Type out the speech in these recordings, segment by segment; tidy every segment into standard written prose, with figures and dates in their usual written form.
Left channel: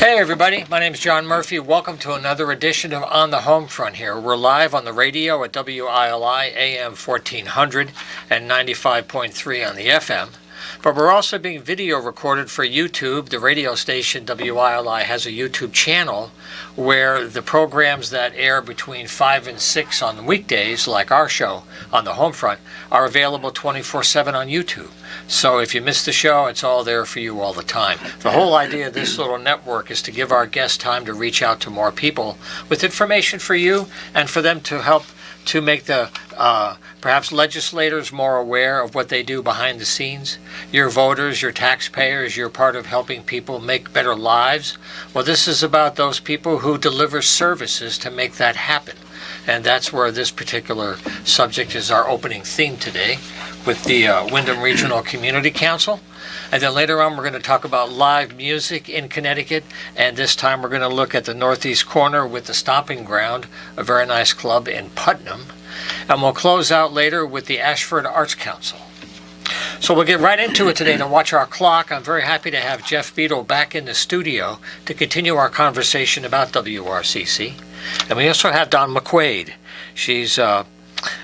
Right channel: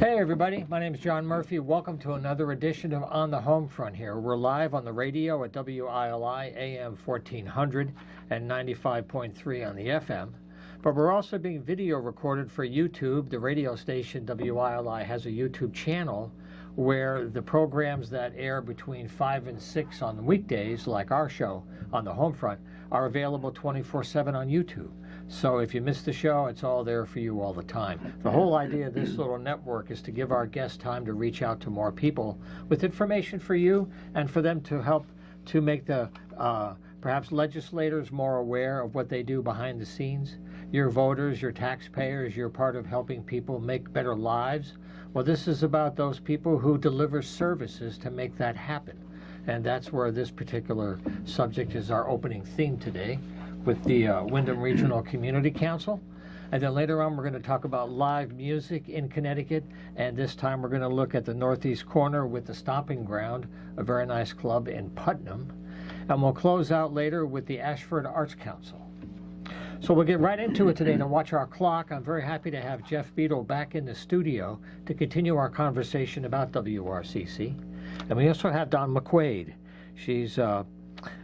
Hey everybody, my name is John Murphy. Welcome to another edition of On the Homefront here. We're live on the radio at WILI AM 1400 and 95.3 on the FM. But we're also being video recorded for YouTube. The radio station WILI has a YouTube channel where the programs that air between 5 and 6 on weekdays, like our show on the Homefront, are available 24/7 on YouTube. So if you miss the show, it's all there for you all the time. The whole idea of this little network is to give our guests time to reach out to more people with information for you and for them to help to make the perhaps legislators more aware of what they do behind the scenes. Your voters, your taxpayers, you're part of helping people make better lives. Well, this is about those people who deliver services to make that happen. And that's where this particular subject is our opening theme today with the Windham Regional Community Council. And then later on, we're going to talk about live music in Connecticut. And this time, we're going to look at the Northeast Corner with the Stomping Ground, a very nice club in Putnam. And we'll close out later with the Ashford Arts Council. So we'll get right into it today. To watch our clock, I'm very happy to have Jeff Beadle back in the studio to continue our conversation about WRCC. And we also have Don McQuaid. She's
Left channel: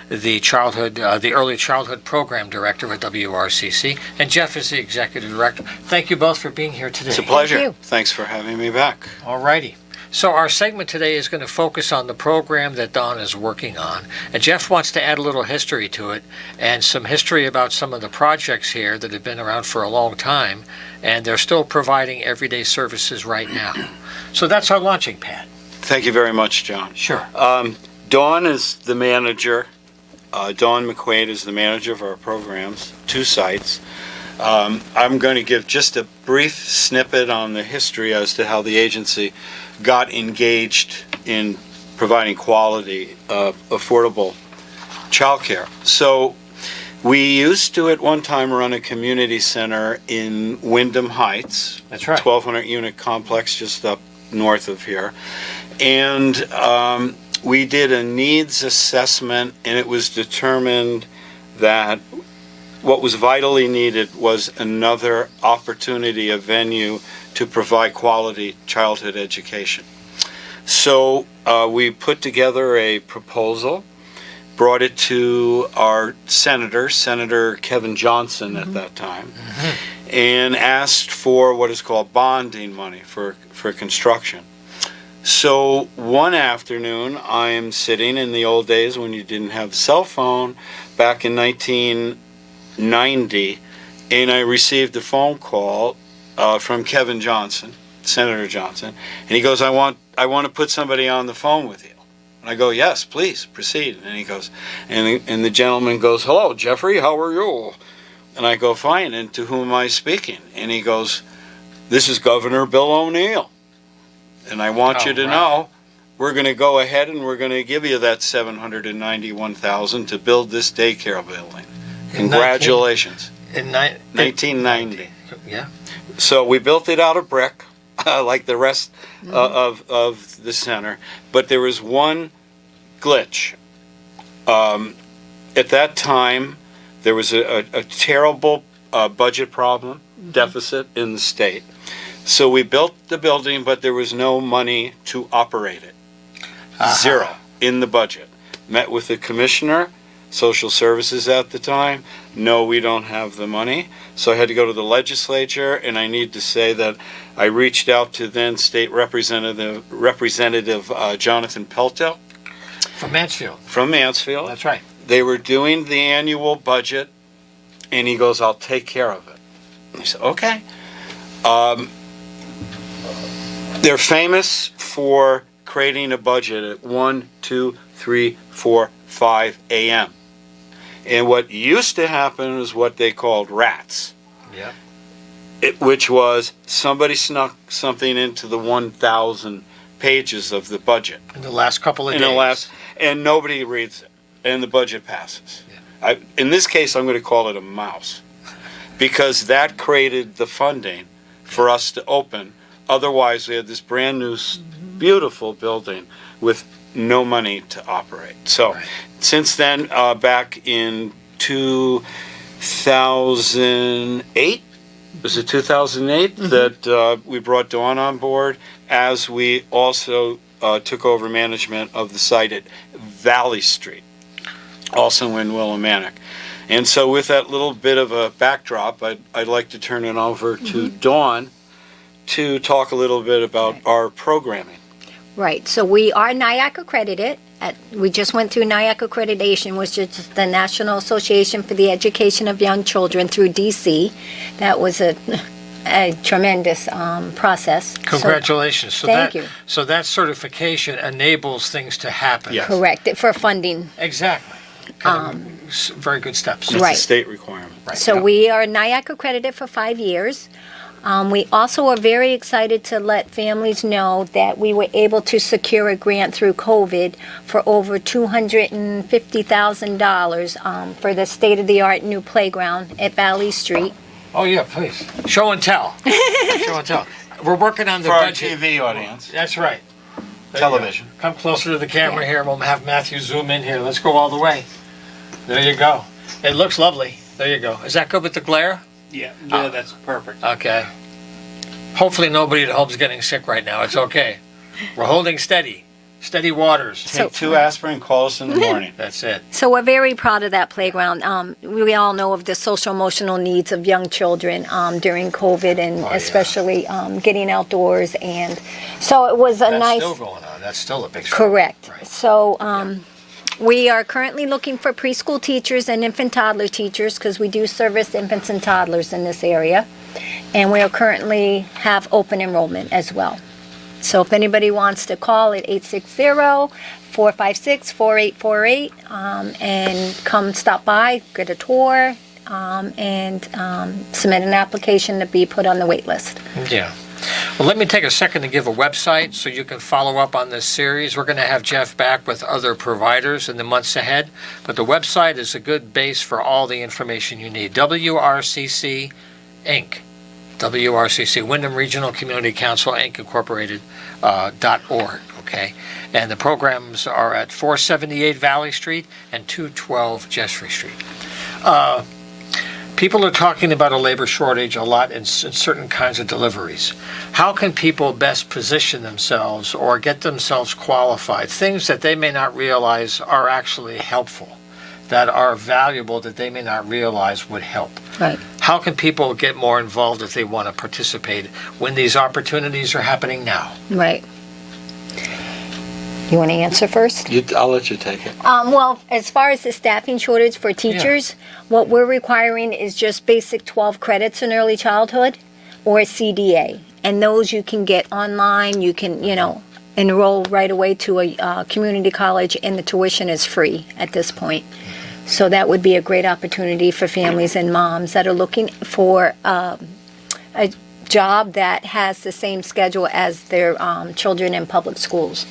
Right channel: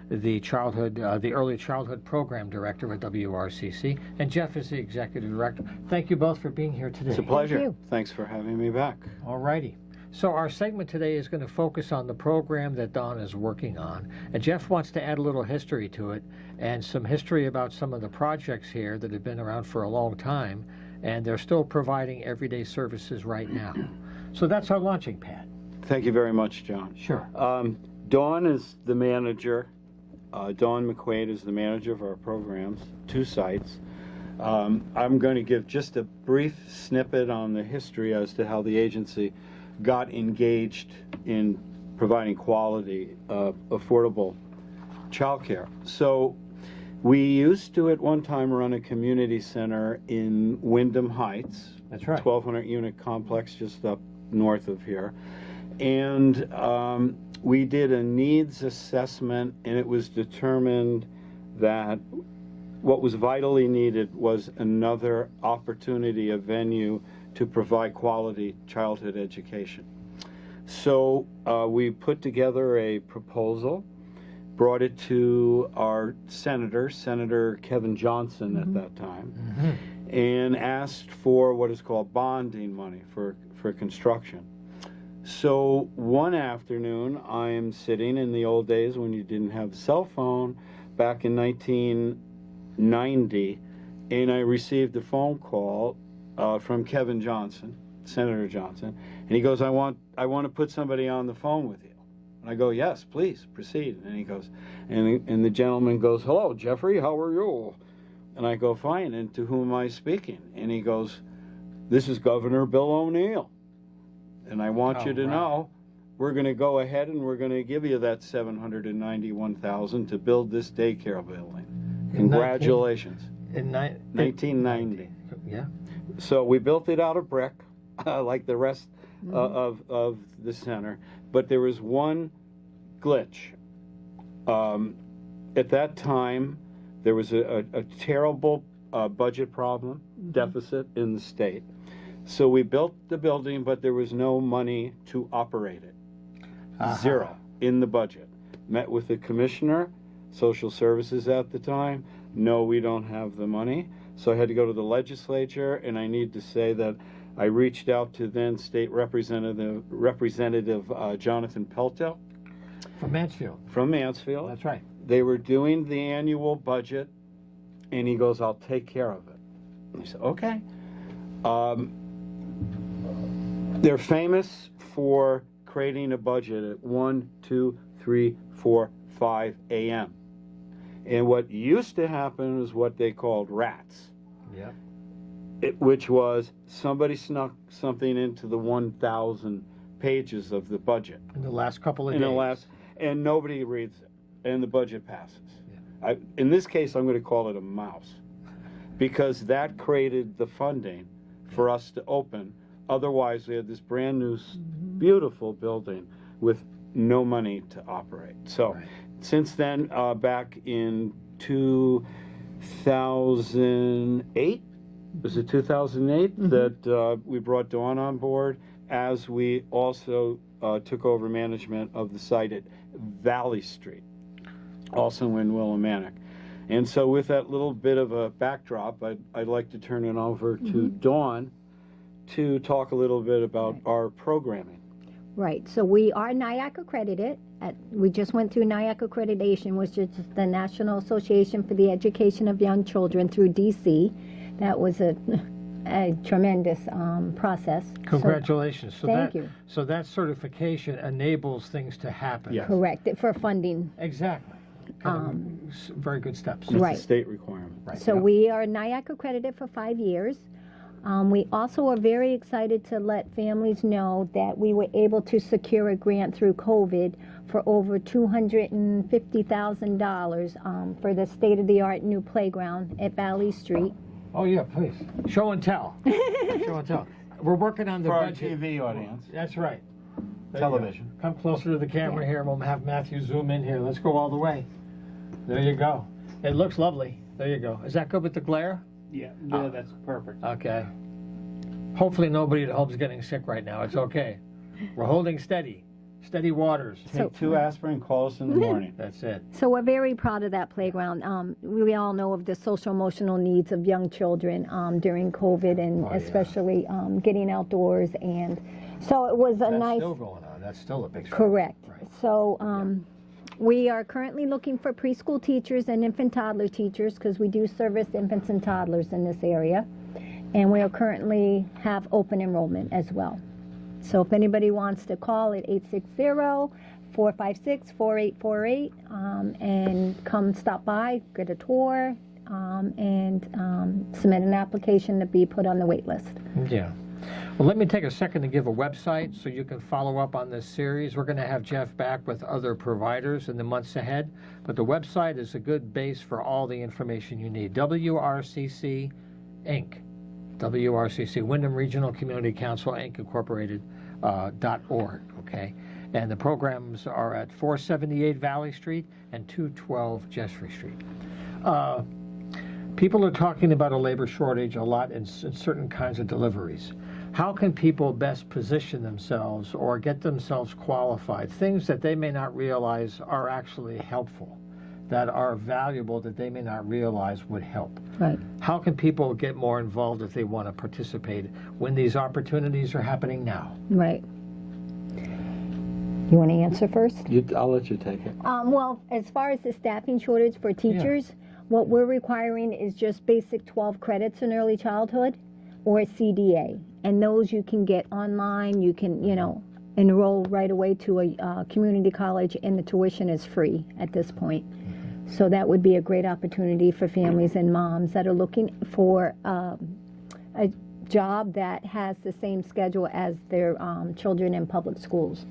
the early childhood program director at WRCC, and Jeff is the executive director. Thank you both for being here today. It's a pleasure. Thank you. Thanks for having me back. All righty. So our segment today is going to focus on the program that Don is working on, and Jeff wants to add a little history to it and some history about some of the projects here that have been around for a long time, and they're still providing everyday services right now. So that's our launching pad. Thank you very much, John. Sure. Dawn is the manager. Dawn McQuaid is the manager of our programs, 2 sites. I'm going to give just a brief snippet on the history as to how the agency got engaged in providing quality, affordable childcare. So we used to at one time run a community center in Wyndham Heights. That's right. 1,200 unit complex just up north of here. And we did a needs assessment, and it was determined that what was vitally needed was another opportunity, a venue to provide quality childhood education. So we put together a proposal, brought it to our Senator Kevin Johnson at that time, and asked for what is called bonding money for construction. So one afternoon, I'm sitting in the old days when you didn't have the cell phone, back in 1990, and I received a phone call from Kevin Johnson, Senator Johnson, and he goes, I want to put somebody on the phone with you. And I go, yes, please, proceed. And he goes, and the gentleman goes, hello, Jeffrey, how are you? And I go, fine, and to whom am I speaking? And he goes, this is Governor Bill O'Neill. And I want you to know, we're going to go ahead and we're going to give you that $791,000 to build this daycare building. Congratulations. In 1990. Yeah. So we built it out of brick, like the rest of the center. But there was one glitch. At that time, there was a terrible budget problem, deficit in the state. So we built the building, but there was no money to operate it. Zero in the budget. Met with the commissioner, social services at the time. No, we don't have the money. So I had to go to the legislature, and I need to say that I reached out to then State Representative Jonathan Pelto. From Mansfield. From Mansfield. That's right. They were doing the annual budget, and he goes, I'll take care of it. And I said, okay. They're famous for creating a budget at 1, 2, 3, 4, 5 a.m. And what used to happen is what they called rats. Yeah. Which was somebody snuck something into the 1,000 pages of the budget. In the last couple of days. And nobody reads it, and the budget passes. Yeah. In this case, I'm going to call it a mouse, because that created the funding for us to open. Otherwise, we had this brand new, beautiful building with no money to operate. So since then, back in 2008, was it 2008 that we brought Dawn on board, as we also took over management of the site at Valley Street, also in Willimantic. And so with that little bit of a backdrop, I'd like to turn it over to Dawn to talk a little bit about our programming. Right. So we are NIAC accredited. We just went through NIAC accreditation, which is the National Association for the Education of Young Children through DC. That was a tremendous process. Congratulations. So thank you. So that certification enables things to happen. Yes. Correct. For funding. Exactly. Very good steps. It's Right. a state requirement. Right. So we are NIAC accredited for 5 years. We also are very excited to let families know that we were able to secure a grant through COVID for over $250,000 for the state-of-the-art new playground at Valley Street. Oh, yeah, please. Show and tell. Show and tell. We're working on the For our budget. TV audience. That's right. There you Television. go. Come closer to the camera here. We'll have Matthew zoom in here. Let's go all the way. There you go. It looks lovely. There you go. Is that good with the glare? Yeah, that's perfect. Okay. Hopefully nobody at home's getting sick right now. It's okay. We're holding steady. Steady waters. Take 2 aspirin, call us in the morning. That's it. So we're very proud of that playground. We all know of the social emotional needs of young children during COVID, and yeah. especially getting outdoors. And so it was a That's nice. still going on. That's still a big struggle. Correct. Right. So we are currently looking for preschool teachers and infant toddler teachers, because we do service infants and toddlers in this area. And we are currently have open enrollment as well. So if anybody wants to call at 860-456-4848 and come stop by, get a tour, and submit an application to be put on the wait list. Yeah. Well, let me take a second to give a website so you can follow up on this series. We're going to have Jeff back with other providers in the months ahead, but the website is a good base for all the information you need. WRCC Inc. WRCC, Wyndham Regional Community Council, Inc. Incorporated, .org, okay? And the programs are at 478 Valley Street and 212 Jeffrey Street. People are talking about a labor shortage a lot in certain kinds of deliveries. How can people best position themselves or get themselves qualified? Things that they may not realize are actually helpful, that are valuable, that they may not realize would help. Right. How can people get more involved if they want to participate when these opportunities are happening now? Right. You want to answer first? I'll let you take it. Well, as far as the staffing shortage for teachers, what we're requiring is just basic 12 credits in early childhood or CDA. And those you can get online. You can, enroll right away to a community college, and the tuition is free at this point. So that would be a great opportunity for families and moms that are looking for a job that has the same schedule as their children in public schools.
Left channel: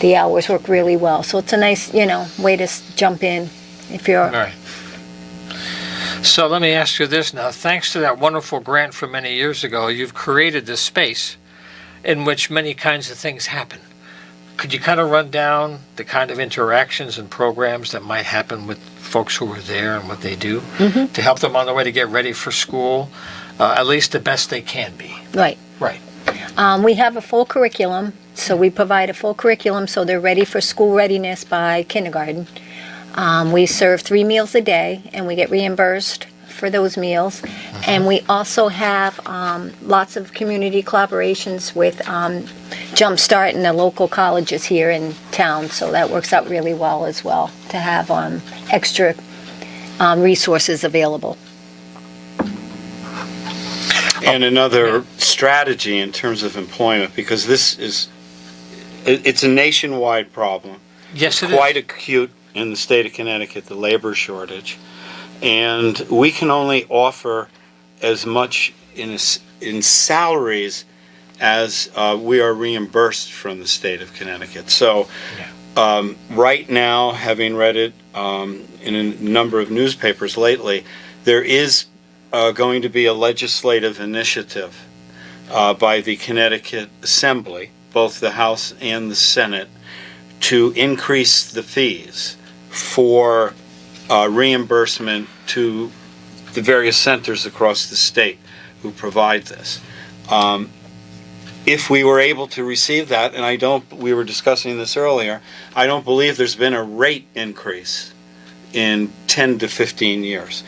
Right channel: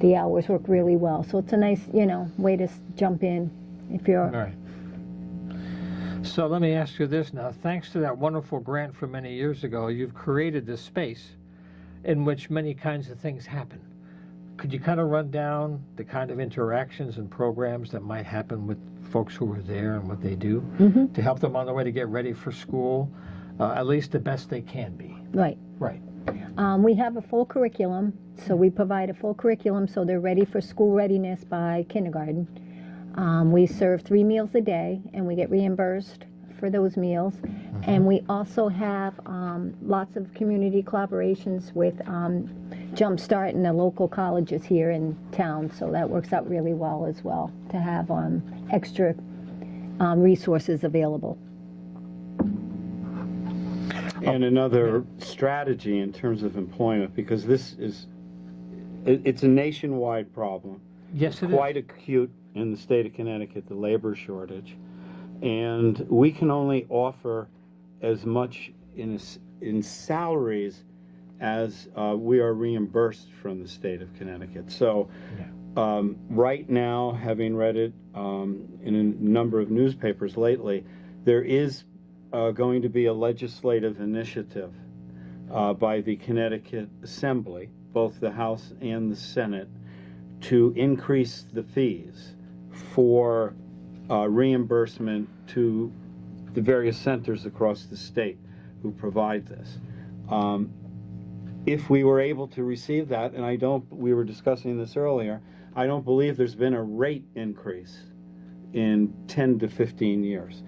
The hours work really well. So it's a nice, way to jump in if you're... All right. So let me ask you this now. Thanks to that wonderful grant from many years ago, you've created this space in which many kinds of things happen. Could you kind of run down the kind of interactions and programs that might happen with folks who are there and what they do to help them on their way to get ready for school, at least the best they can be? Right. Right. We have a full curriculum, so we provide a full curriculum so they're ready for school readiness by kindergarten. We serve 3 meals a day, and we get reimbursed for those meals. And we also have lots of community collaborations with Jumpstart and the local colleges here in town, so that works out really well as well to have extra resources available. And another strategy in terms of employment, because it's a nationwide problem. Yes, it Quite is. acute in the state of Connecticut, the labor shortage. And we can only offer as much in salaries as we are reimbursed from the state of Connecticut. So right now, having read it in a number of newspapers lately, there is going to be a legislative initiative by the Connecticut Assembly, both the House and the Senate, to increase the fees for reimbursement to the various centers across the state who provide this. If we were able to receive that, and we were discussing this earlier, I don't believe there's been a rate increase in 10 to 15 years.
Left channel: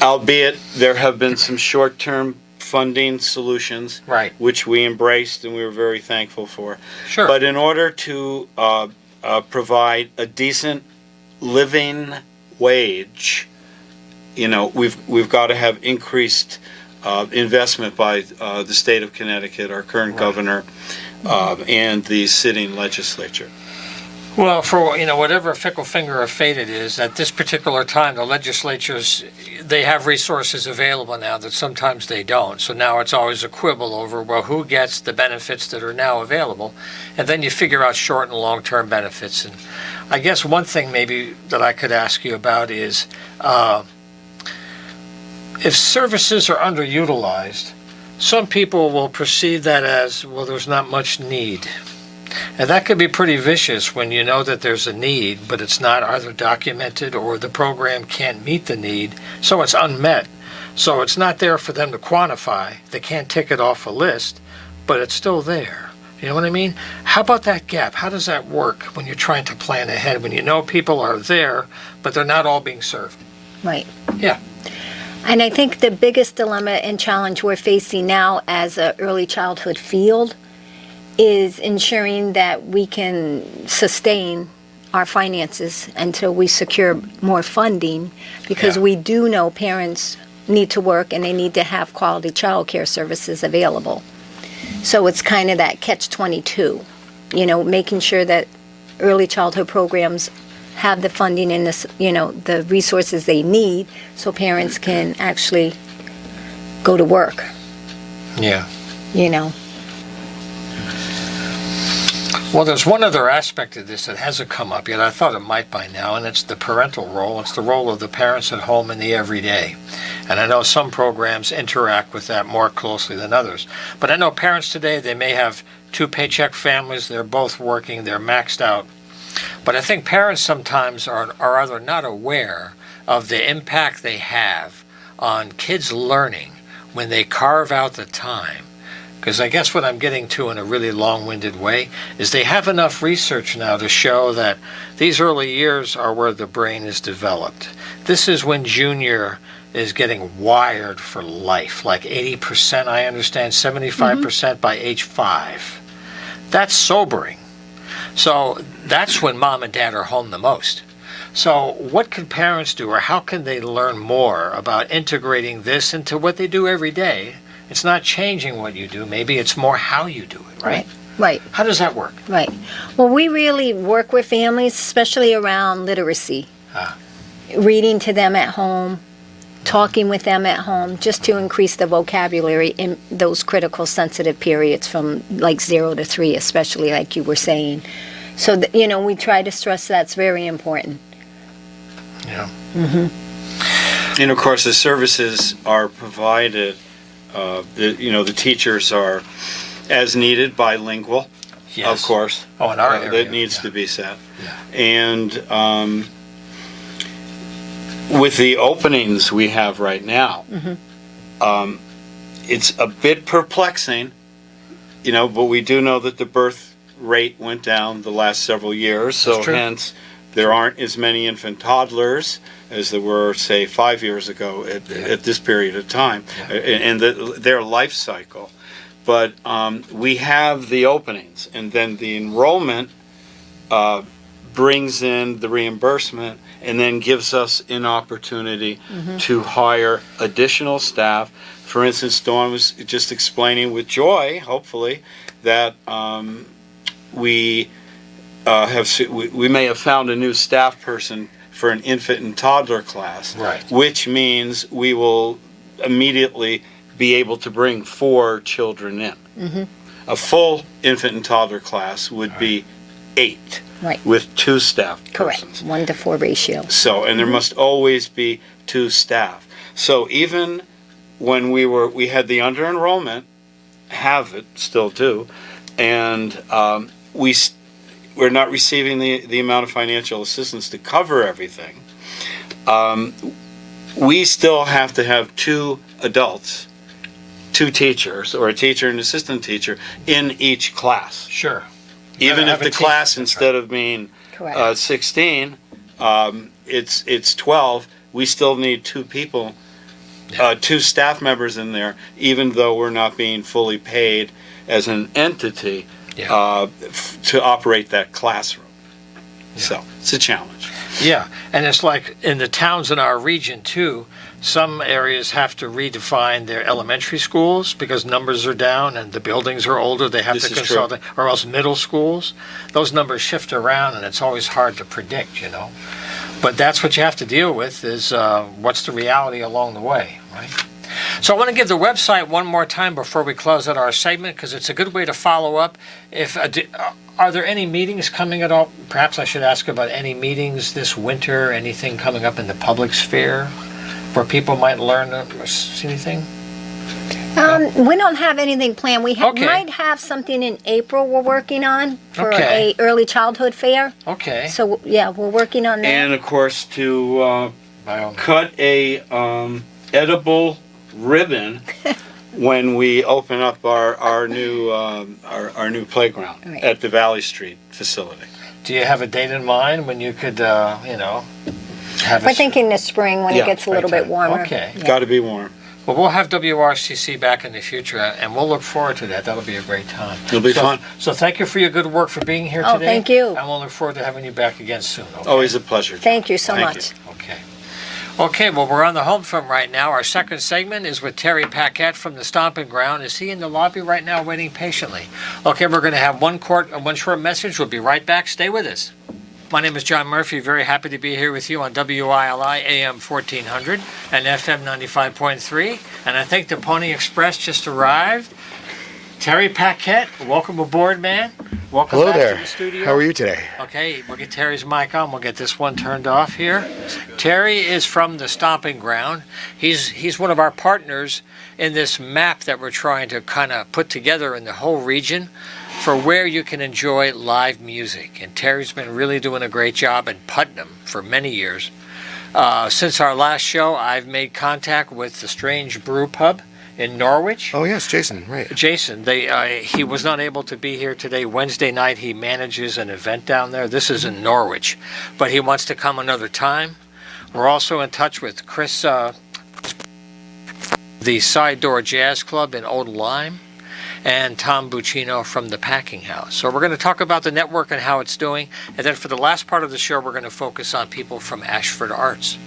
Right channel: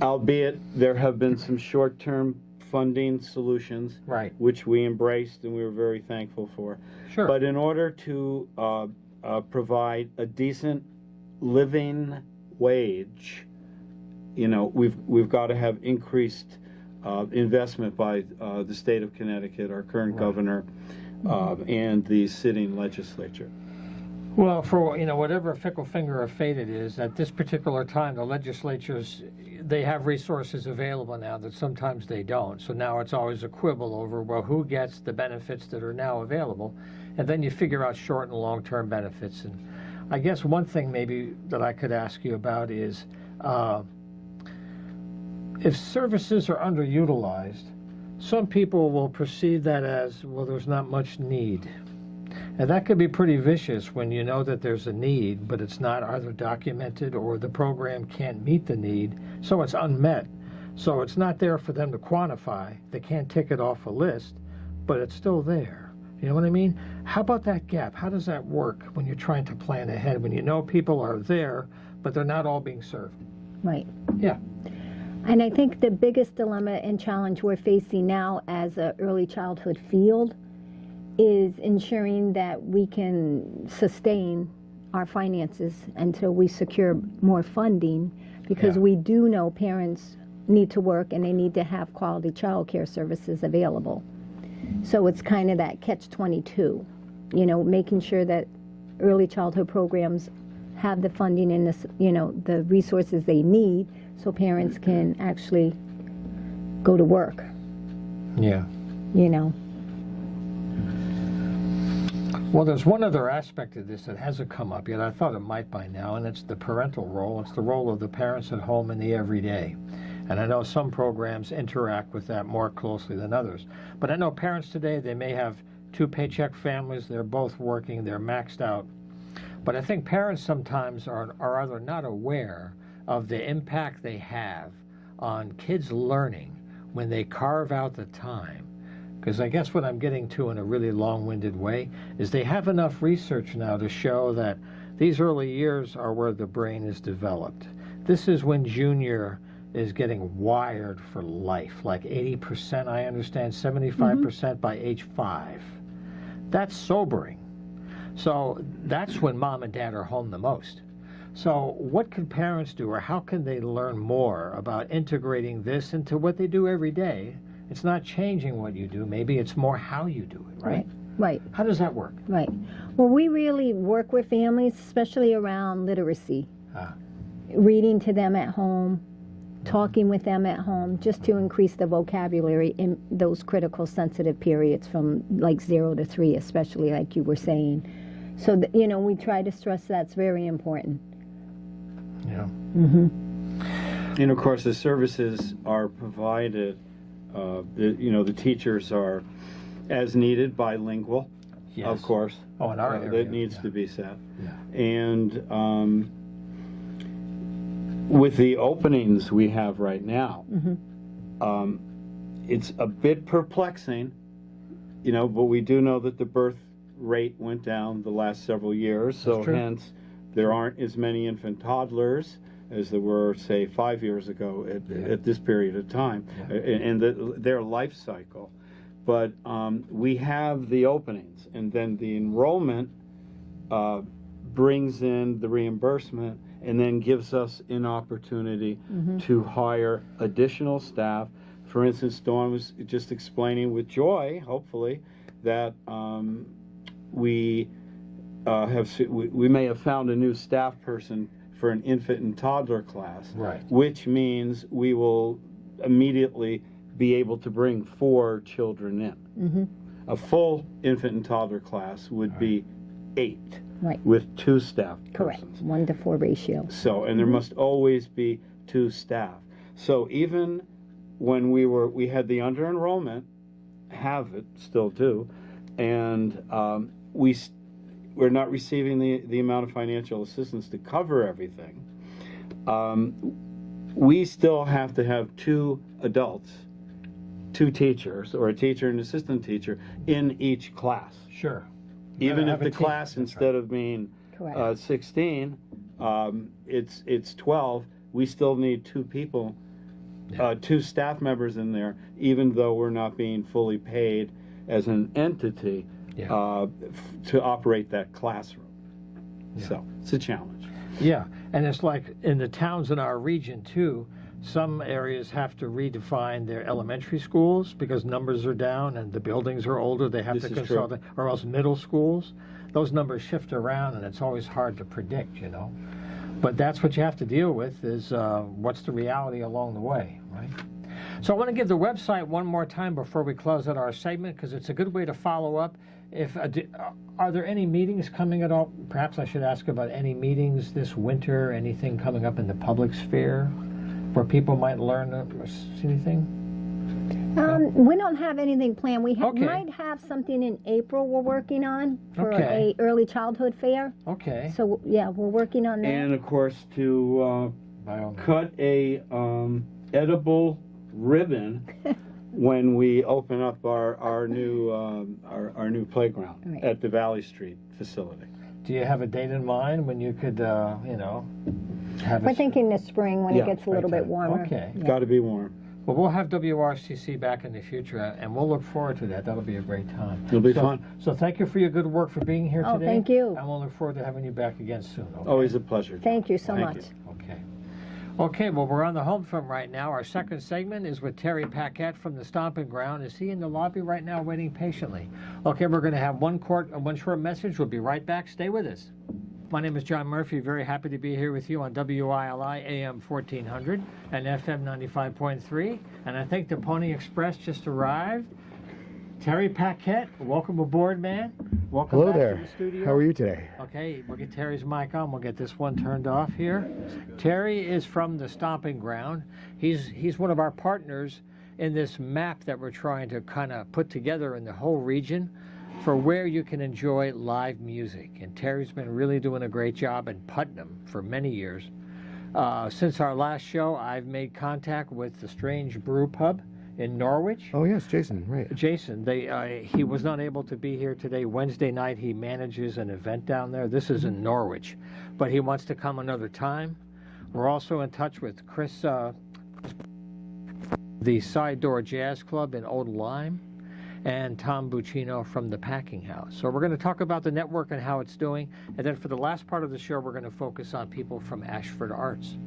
Albeit there have been some short-term funding solutions, Right. which we embraced and we were very thankful for. Sure. But in order to provide a decent living wage, we've got to have increased investment by the state of Connecticut, our current governor, and the sitting legislature. Well, for whatever fickle finger of fate it is, at this particular time, the legislatures, they have resources available now that sometimes they don't. So now it's always a quibble over, well, who gets the benefits that are now available? And then you figure out short and long-term benefits. And I guess one thing maybe that I could ask you about is if services are underutilized, some people will perceive that as, well, there's not much need. And that could be pretty vicious when you know that there's a need, but it's not either documented or the program can't meet the need, so it's unmet. So it's not there for them to quantify. They can't tick it off a list, but it's still there. You know what I mean? How about that gap? How does that work when you're trying to plan ahead, when you know people are there, but they're not all being served? Right. Yeah. And I think the biggest dilemma and challenge we're facing now as an early childhood field is ensuring that we can sustain our finances until we secure more funding, because we do know parents need to work and they need to have quality child care services available. So it's kind of that catch-22, making sure that early childhood programs have the funding and the resources they need so parents can actually go to work. Yeah. Well, there's one other aspect of this that hasn't come up yet. I thought it might by now, and it's the parental role. It's the role of the parents at home in the everyday. And I know some programs interact with that more closely than others. But I know parents today, they may have two-paycheck families. They're both working. They're maxed out. But I think parents sometimes are either not aware of the impact they have on kids' learning when they carve out the time. Because I guess what I'm getting to in a really long-winded way is they have enough research now to show that these early years are where the brain is developed. This is when junior is getting wired for life, like 80%, I understand, 75% by age 5. That's sobering. So that's when mom and dad are home the most. So what can parents do, or how can they learn more about integrating this into what they do every day? It's not changing what you do. Maybe it's more how you do it, right? Right. How does that work? Right. Well, we really work with families, especially around literacy. Reading to them at home, talking with them at home, just to increase the vocabulary in those critical sensitive periods from like 0 to 3, especially like you were saying. So, we try to stress that's very important. Yeah. And of course, the services are provided. The teachers are, as needed, bilingual. Yes. Of course. Oh, in our area. That needs to be said. Yeah. And with the openings we have right now, it's a bit perplexing, but we do know that the birth rate went down the last several years, so hence there aren't as many infant toddlers as there were, say, 5 years ago at this period of time, and their life cycle. But we have the openings, and then the enrollment brings in the reimbursement and then gives us an opportunity to hire additional staff. For instance, Dawn was just explaining with joy, hopefully, that we may have found a new staff person for an infant and toddler class, right, which means we will immediately be able to bring 4 children in. A full infant and toddler class would be 8, right, with 2 staff correct, persons. 1-to-4 ratio. So, and there must always be 2 staff. So even when we had the under enrollment, have it, still do, and we're not receiving the amount of financial assistance to cover everything. We still have to have 2 adults two teachers or a teacher and assistant teacher in each class. Sure. Even if have a the team. class, That's instead of being Correct. 16, it's 12, we still need two people, two staff members in there, even though we're not being fully paid as an entity to operate that classroom. So it's a challenge. Yeah, and it's like in the towns in our region too, some areas have to redefine their elementary schools because numbers are down and the buildings are older. They have This to is consult, true. or else middle schools. Those numbers shift around and it's always hard to predict, you know. But that's what you have to deal with is what's the reality along the way, right? So I want to give the website one more time before we close out our segment because it's a good way to follow up. If are there any meetings coming at all? Perhaps I should ask about any meetings this winter, anything coming up in the public sphere where people might learn or see anything? We don't have anything planned. We Okay. might have something in April we're working on for Okay. a early childhood fair. Okay. So yeah, we're working on that. And of course, to By all means. cut a edible ribbon when we open up our new playground Right. at the Valley Street facility. Do you have a date in mind when you could, have We're thinking this spring when Yeah, it gets a little bit springtime. warmer. Okay. Yeah. Got to be warm. Well, we'll have WRCC back in the future, and we'll look forward to that. That'll be a great time. It'll be so, fun. So thank you for your good work for being here Oh, today. thank you. And we'll look forward to having you back again soon. Okay? Always a pleasure. Thank you so Thank much. Okay. Okay, well, we're on the home front right now. Our second segment is with Terry Paquette from the Stomping Ground. Is he in the lobby right now waiting patiently? Okay, we're going to have one short message. We'll be right back. Stay with us. My name is John Murphy. Very happy to be here with you on WILI AM 1400 and FM 95.3. And I think the Pony Express just arrived. Terry Paquette, welcome aboard, man. Welcome Hello back there. to the studio. How are you today? Okay, we'll get Terry's mic on. We'll get this one turned off here. Terry is from the Stomping Ground. He's one of our partners in this map that we're trying to kind of put together in the whole region for where you can enjoy live music. And Terry's been really doing a great job in Putnam for many years. Since our last show, I've made contact with the Strange Brew Pub in Norwich. Oh yes, Jason. Right. Jason, he was not able to be here today. Wednesday night, he manages an event down there. This is in Norwich, but he wants to come another time. We're also in touch with Chris, the Side Door Jazz Club in Old Lyme, and Tom Buccino from the Packing House. So we're going to talk about the network and how it's doing, and then for the last part of the show, we're going to focus on people from Ashford Arts.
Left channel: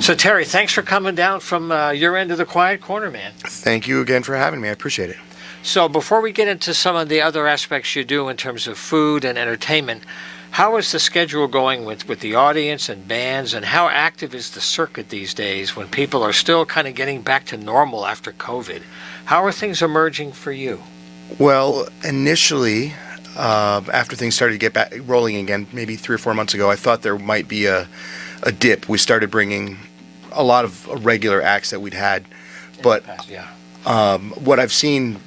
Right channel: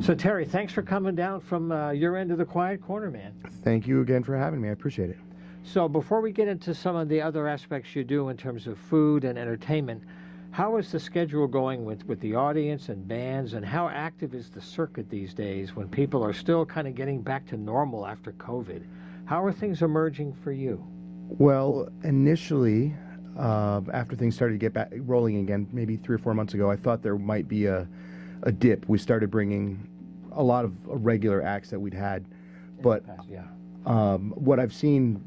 So Terry, thanks for coming down from your end of the quiet corner, man. Thank you again for having me. I appreciate it. So before we get into some of the other aspects you do in terms of food and entertainment, how is the schedule going with the audience and bands, and how active is the circuit these days when people are still kind of getting back to normal after COVID? How are things emerging for you? Well, initially, after things started to get back rolling again, maybe 3 or 4 months ago, I thought there might be a dip. We started bringing a lot of regular acts that we'd had, but Yeah. what I've seen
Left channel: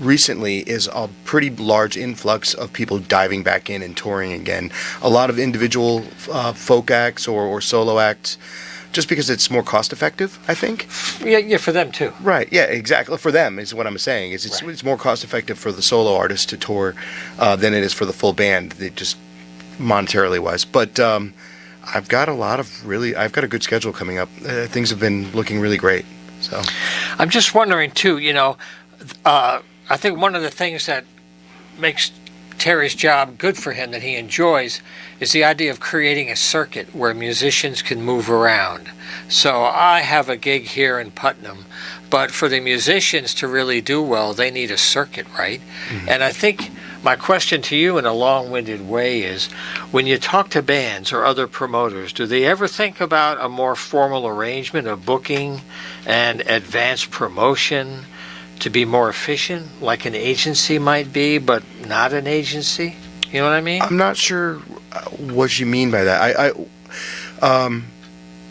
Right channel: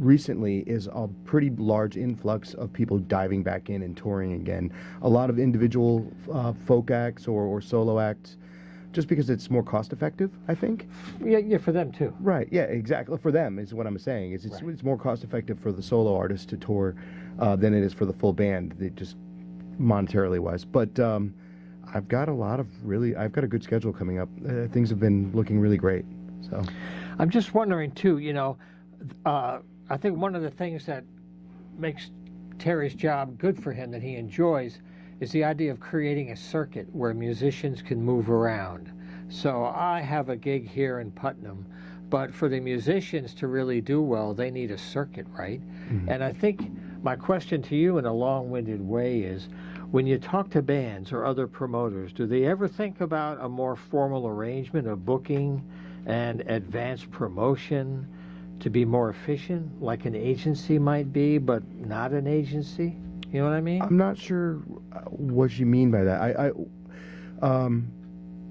recently is a pretty large influx of people diving back in and touring again. A lot of individual folk acts or solo acts, just because it's more cost effective, I think. Yeah, for them too. Right. Yeah. Exactly. For them is what I'm saying. It's more cost effective for the solo artist to tour than it is for the full band. Just monetarily wise. But I've got I've got a good schedule coming up. Things have been looking really great. So I'm just wondering too, I think one of the things that makes Terry's job good for him that he enjoys is the idea of creating a circuit where musicians can move around. So I have a gig here in Putnam, but for the musicians to really do well, they need a circuit, right? Mm-hmm. And I think my question to you in a long-winded way is, when you talk to bands or other promoters, do they ever think about a more formal arrangement of booking and advanced promotion to be more efficient, like an agency might be, but not an agency? You know what I mean? I'm not sure what you mean by that.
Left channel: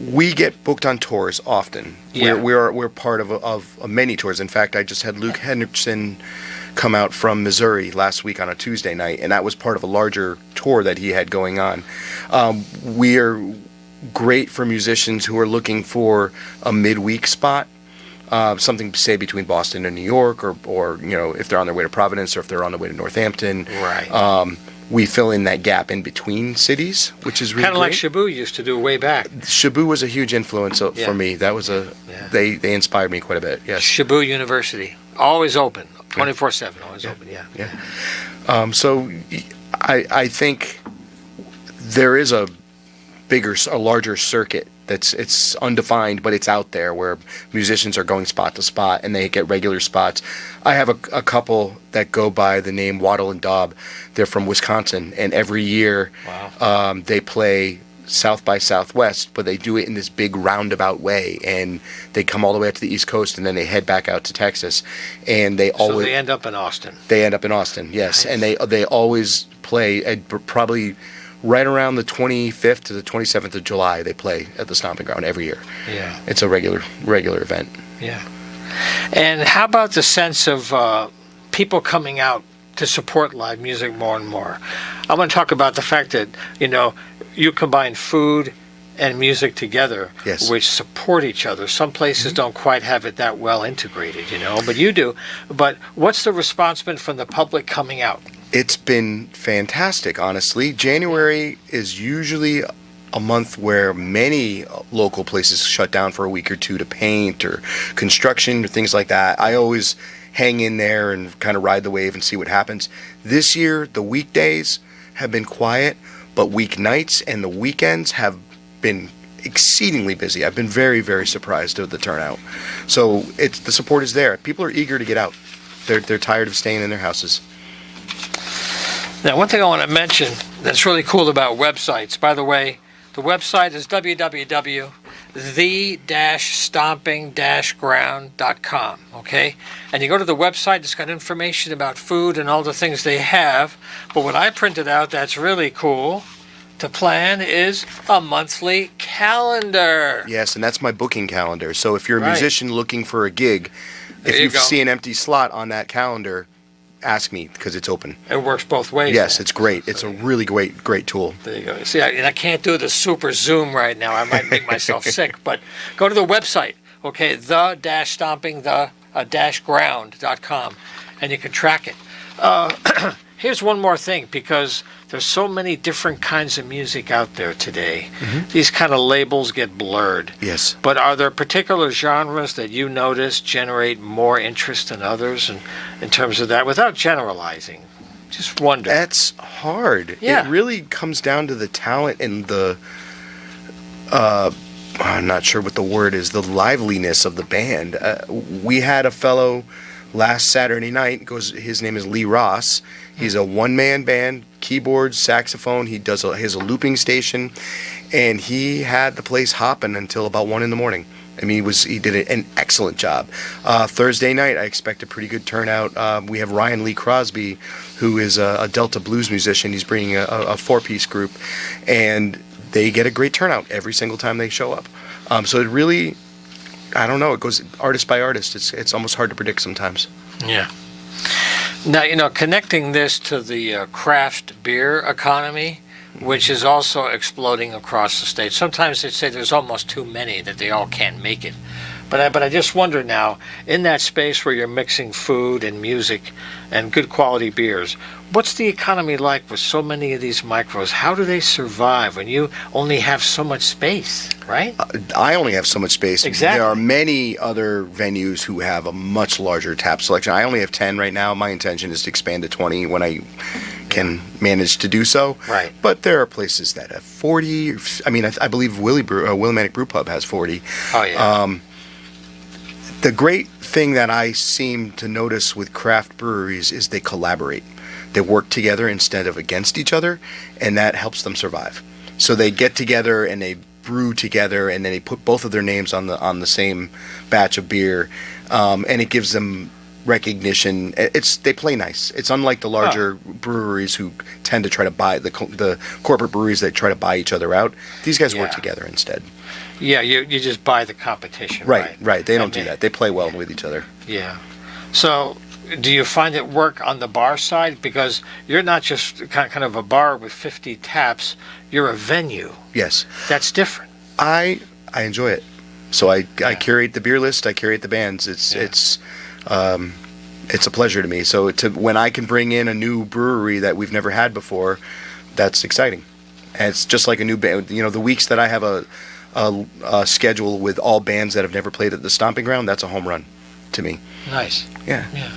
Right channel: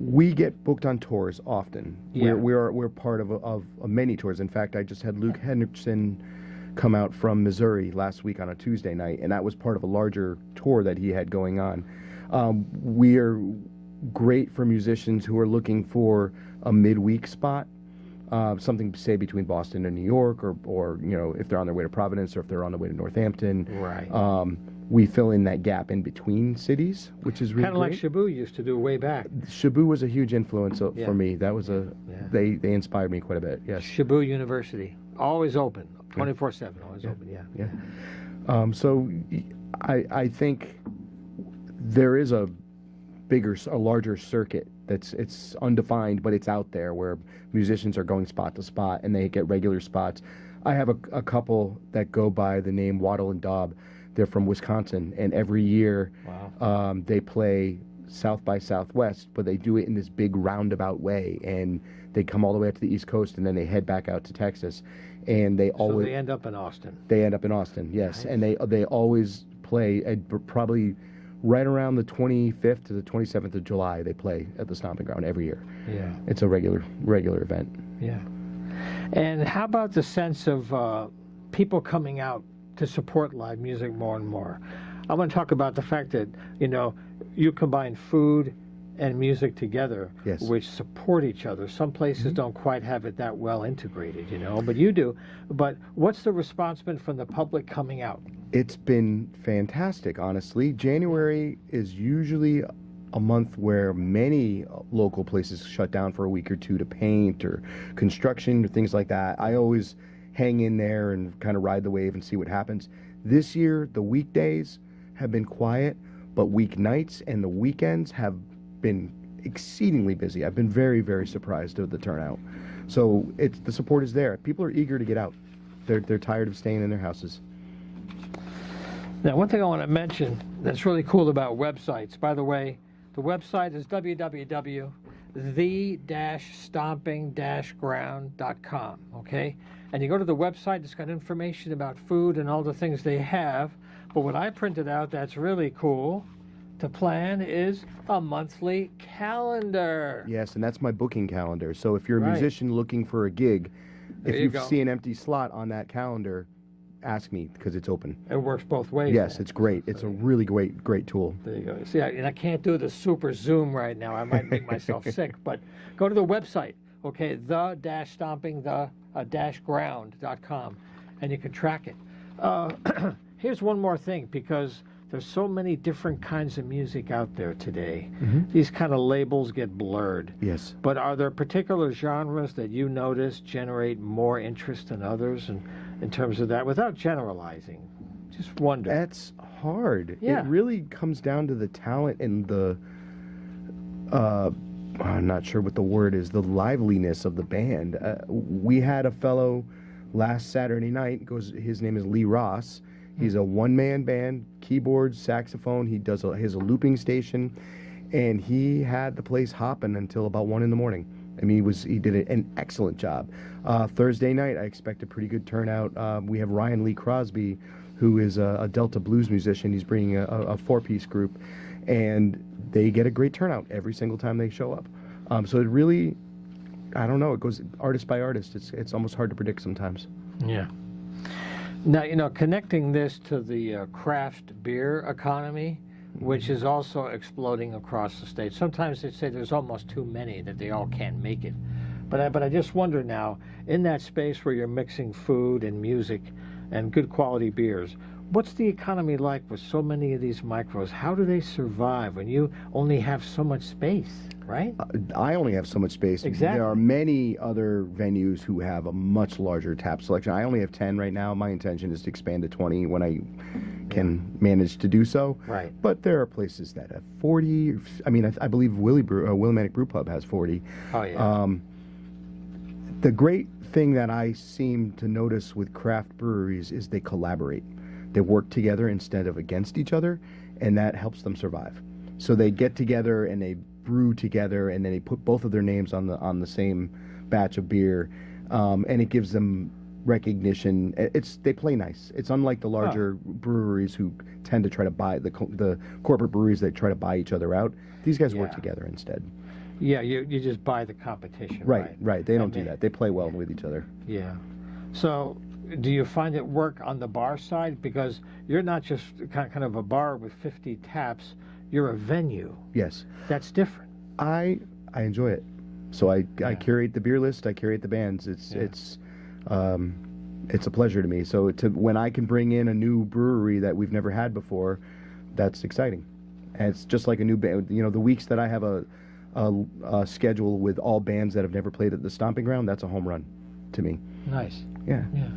We get booked on tours often. Yeah. We're part of many tours. In fact, I just had Luke Henriksen come out from Missouri last week on a Tuesday night, and that was part of a larger tour that he had going on. We are great for musicians who are looking for a midweek spot. something, say, between Boston and New York, or if they're on their way to Providence or if they're on their way to Northampton. Right. We fill in that gap in between cities, which is really Kind of like great. Shabu used to do way back. Shabu was a huge influence Yeah. for me. That was Yeah. they inspired me quite a bit. Yes. Shabu University, always open, 24/7, always open. Yeah. So I think there is a larger circuit it's undefined, but it's out there where musicians are going spot to spot and they get regular spots. I have a couple that go by the name Waddle and Daub. They're from Wisconsin, and every year they play South by Southwest, but they do it in this big roundabout way, and they come all the way up to the East Coast, and then they head back out to Texas, and they So always they end up in Austin. yes, Nice. and they always play at probably right around the 25th to the 27th of July. They play at the Stomping Ground every year. Yeah. It's a regular event. Yeah. And how about the sense of people coming out to support live music more and more? I want to talk about the fact that, you combine food and music together, Yes. which support each other. Some places don't quite have it that well integrated, but you do. But what's the response been from the public coming out? It's been fantastic, honestly. January is usually a month where many local places shut down for a week or two to paint or construction or things like that. I always hang in there and kind of ride the wave and see what happens. This year, the weekdays have been quiet, but weeknights and the weekends have been exceedingly busy. I've been very, very surprised at the turnout. So the support is there. People are eager to get out. They're tired of staying in their houses. Now, one thing I want to mention that's really cool about websites, by the way, the website is www.the-stomping-ground.com, okay? And you go to the website, it's got information about food and all the things they have. But what I printed out that's really cool to plan is a monthly calendar. Yes, and that's my booking calendar. So if you're a Right. musician looking for a gig, There if you you go. see an empty slot on that calendar, ask me because it's open. It works both ways. Yes, then. it's great. It's a really great tool. There you go. See, I can't do the super zoom right now. I might make myself sick. But go to the website, okay, the-stomping-ground.com, and you can track it. Here's one more thing, because there's so many different kinds of music out there today. These kind of labels get blurred. Yes. But are there particular genres that you notice generate more interest than others in terms of that, without generalizing? Just wonder. That's hard. Yeah. It really comes down to the talent and the I'm not sure what the word is, the liveliness of the band. We had a fellow last Saturday night, his name is Lee Ross. He's a one-man band, keyboards, saxophone. He has a looping station, and he had the place hopping until about 1 a.m. I mean, he did an excellent job. Thursday night, I expect a pretty good turnout. We have Ryan Lee Crosby, who is a Delta blues musician. He's bringing a four-piece group, and they get a great turnout every single time they show up. So it really, I don't know, it goes artist by artist. It's almost hard to predict sometimes. Yeah. Now, connecting this to the craft beer economy, which is also exploding across the state. Sometimes they say there's almost too many, that they all can't make it. But I just wonder now, in that space where you're mixing food and music and good quality beers, what's the economy like with so many of these micros? How do they survive when you only have so much space, right? I only have so much space. Exactly. There are many other venues who have a much larger tap selection. I only have 10 right now. My intention is to expand to 20 when I can manage to do so. Right. But there are places that have 40. I mean, I believe Willimantic Brew Pub has 40. Oh, yeah. The great thing that I seem to notice with craft breweries is they collaborate. They work together instead of against each other, and that helps them survive. So they get together and they brew together, and then they put both of their names on the same batch of beer, and it gives them recognition. They play nice. It's unlike the larger breweries who tend to try to buy the corporate breweries that try to buy each other out. These guys work Yeah. together instead. Yeah, you just buy the competition. Right. They don't And do that. They play well with each other. Yeah. So, do you find it work on the bar side? Because you're not just kind of a bar with 50 taps. You're a venue. Yes. That's different. I enjoy it. So I curate the beer list, I curate the bands. It's a pleasure to me. So when I can bring in a new brewery that we've never had before, that's exciting. And it's just like a new band. You know, the weeks that I have a schedule with all bands that have never played at the Stomping Ground, that's a home run to me. Nice. Yeah. Yeah.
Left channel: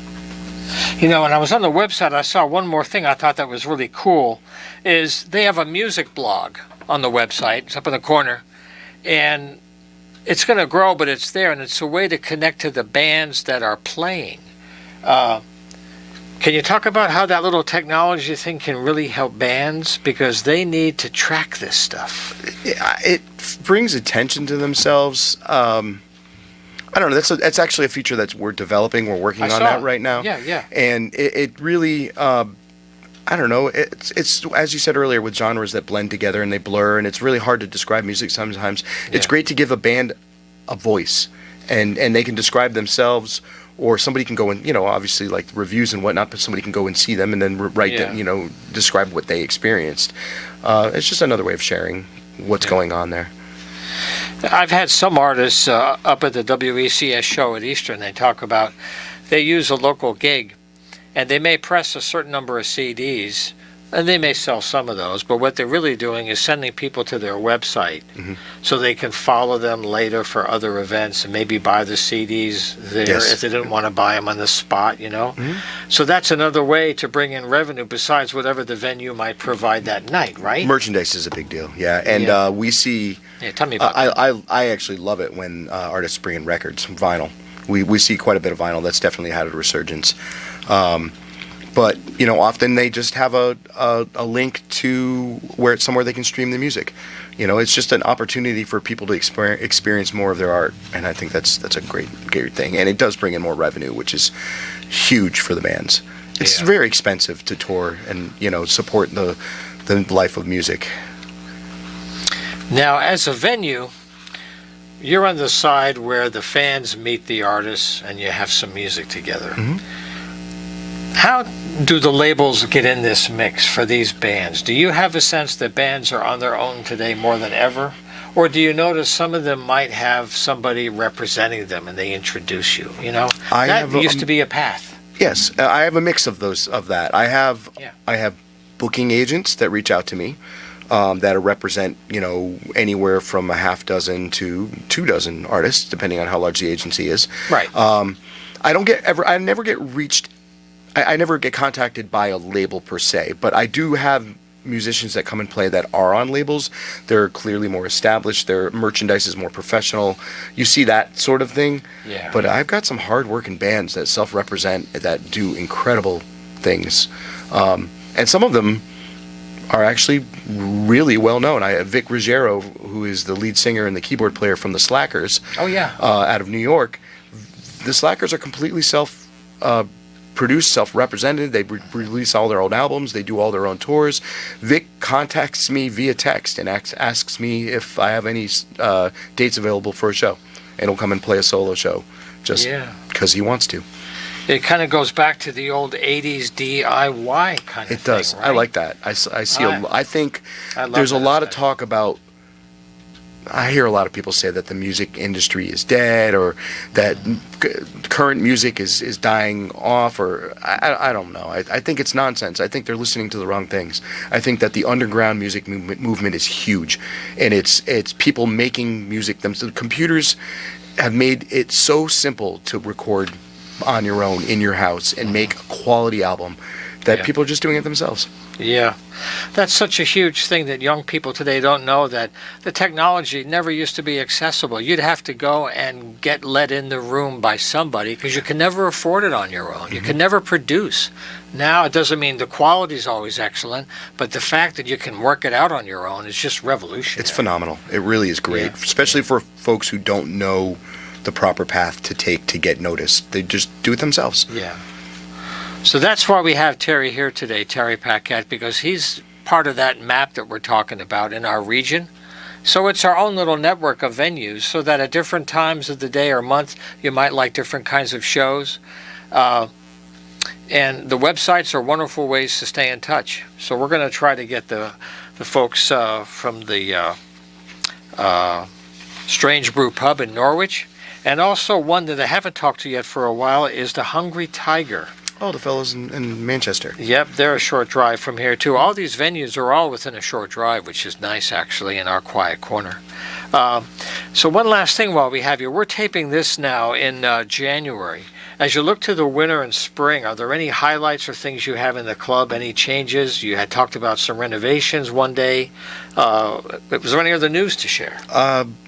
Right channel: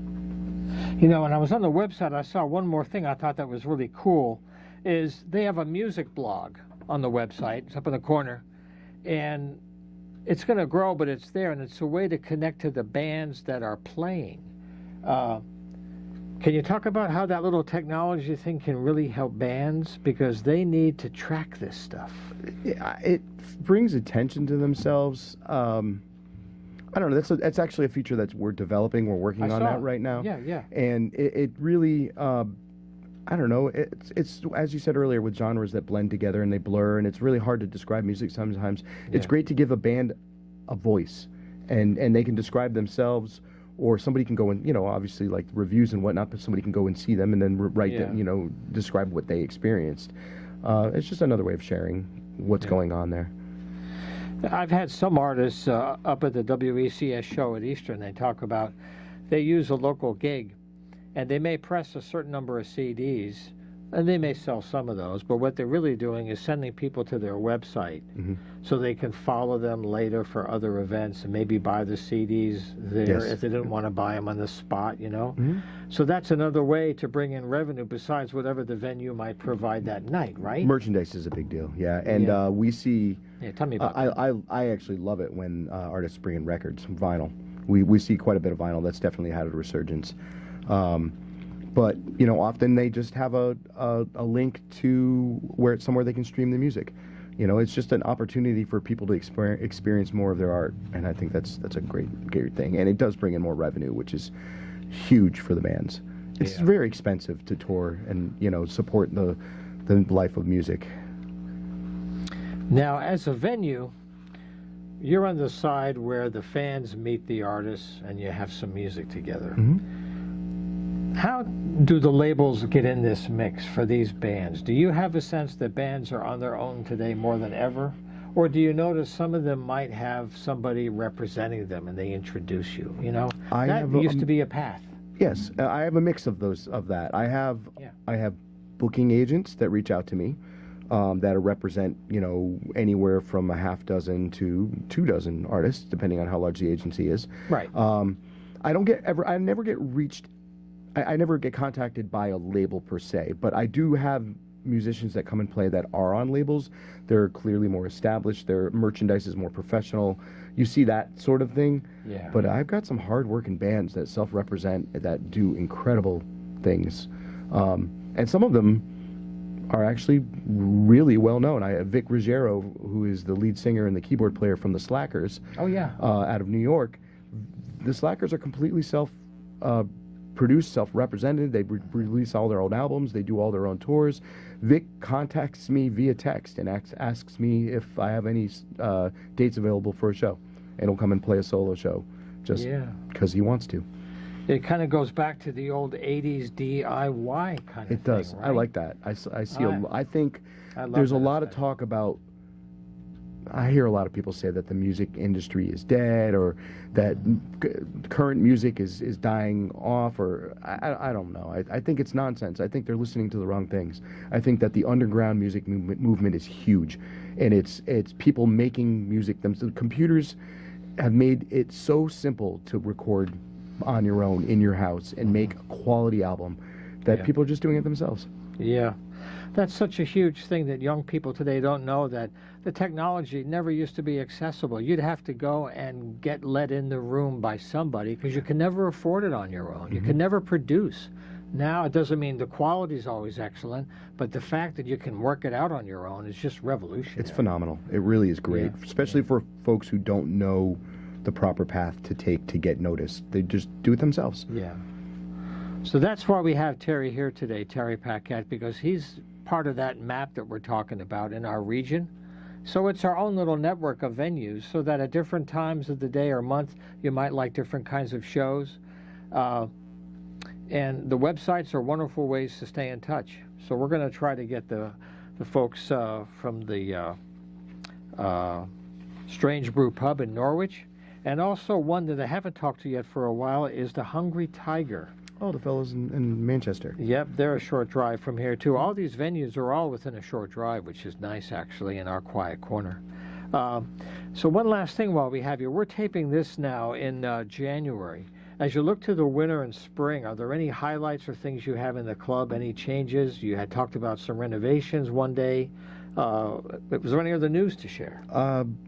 You know, when I was on the website, I saw one more thing I thought that was really cool, is they have a music blog on the website. It's up in the corner. And it's going to grow, but it's there, and it's a way to connect to the bands that are playing. Can you talk about how that little technology thing can really help bands? Because they need to track this stuff. It brings attention to themselves. I don't know. That's actually a feature that we're developing. We're working on that right now. Yeah, yeah. And it really, I don't know. It's as you said earlier, with genres that blend together and they blur, and it's really hard to describe music sometimes. It's Yeah. great to give a band a voice, and they can describe themselves, or somebody can go and, you know, obviously like reviews and whatnot, but somebody can go and see them and then write Yeah. them, you know, describe what they experienced. It's just another way of sharing what's going on there. I've had some artists up at the WECS show at Eastern. They talk about they use a local gig, and they may press a certain number of CDs, and they may sell some of those. But what they're really doing is sending people to their website, so they can follow them later for other events and maybe buy the CDs there Yes. if they didn't want to buy them on the spot. You know, so that's another way to bring in revenue besides whatever the venue might provide that night, right? Merchandise is a big deal, yeah. And Yeah. we see. Yeah, tell me about that. I actually love it when artists bring in records, vinyl. We see quite a bit of vinyl. That's definitely had a resurgence. But you know, often they just have a link to where it's somewhere they can stream the music. You know, it's just an opportunity for people to experience more of their art, and I think that's a great thing. And it does bring in more revenue, which is huge for the bands. It's Yeah. very expensive to tour and, you know, support the life of music. Now, as a venue, you're on the side where the fans meet the artists and you have some music together. How do the labels get in this mix for these bands? Do you have a sense that bands are on their own today more than ever? Or do you notice some of them might have somebody representing them and they introduce you? You know, that used to be a path. Yes, I have a mix of that. I have booking agents that reach out to me that represent, you know, anywhere from a half dozen to 24 artists, depending on how large the agency is. Right. I never get contacted by a label per se, but I do have musicians that come and play that are on labels. They're clearly more established. Their merchandise is more professional. You see that sort of thing. Yeah. But I've got some hard-working bands that self-represent, that do incredible things. And some of them are actually really well known. I have Vic Ruggiero, who is the lead singer and the keyboard player from the Slackers. Oh, yeah. Out of New York. The Slackers are completely produced, self-represented. They release all their own albums. They do all their own tours. Vic contacts me via text and asks me if I have any dates available for a show, and he'll come and play a solo show just because he wants to. It kind of goes back to the old 80s DIY kind of thing. It does. Right? I like that. I think I love there's a that lot of aspect. talk about. I hear a lot of people say that the music industry is dead, or that current music is dying off, or I don't know. I think it's nonsense. I think they're listening to the wrong things. I think that the underground music movement is huge, and it's people making music. The computers have made it so simple to record on your own in your house and make a quality album that people are just doing it themselves. Yeah. That's such a huge thing that young people today don't know, that the technology never used to be accessible. You'd have to go and get let in the room by somebody because you can never afford it on your own. You can never produce. Now, it doesn't mean the quality is always excellent, but the fact that you can work it out on your own is just revolutionary. It's phenomenal. It really is great, especially for folks who don't know the proper path to take to get noticed. They just do it themselves. Yeah. So that's why we have Terry here today, Terry Paquette, because he's part of that map that we're talking about in our region. So it's our own little network of venues, so that at different times of the day or month, you might like different kinds of shows. And the websites are wonderful ways to stay in touch. So we're going to try to get the folks from the Strange Brew Pub in Norwich. And also one that I haven't talked to yet for a while is the Hungry Tiger. Oh, the fellows in Manchester. Yep, they're a short drive from here, too. All these venues are all within a short drive, which is nice, actually, in our quiet corner. So one last thing while we have you. We're taping this now in January. As you look to the winter and spring, are there any highlights or things you have in the club, any changes? You had talked about some renovations one day. Was there any other news to share?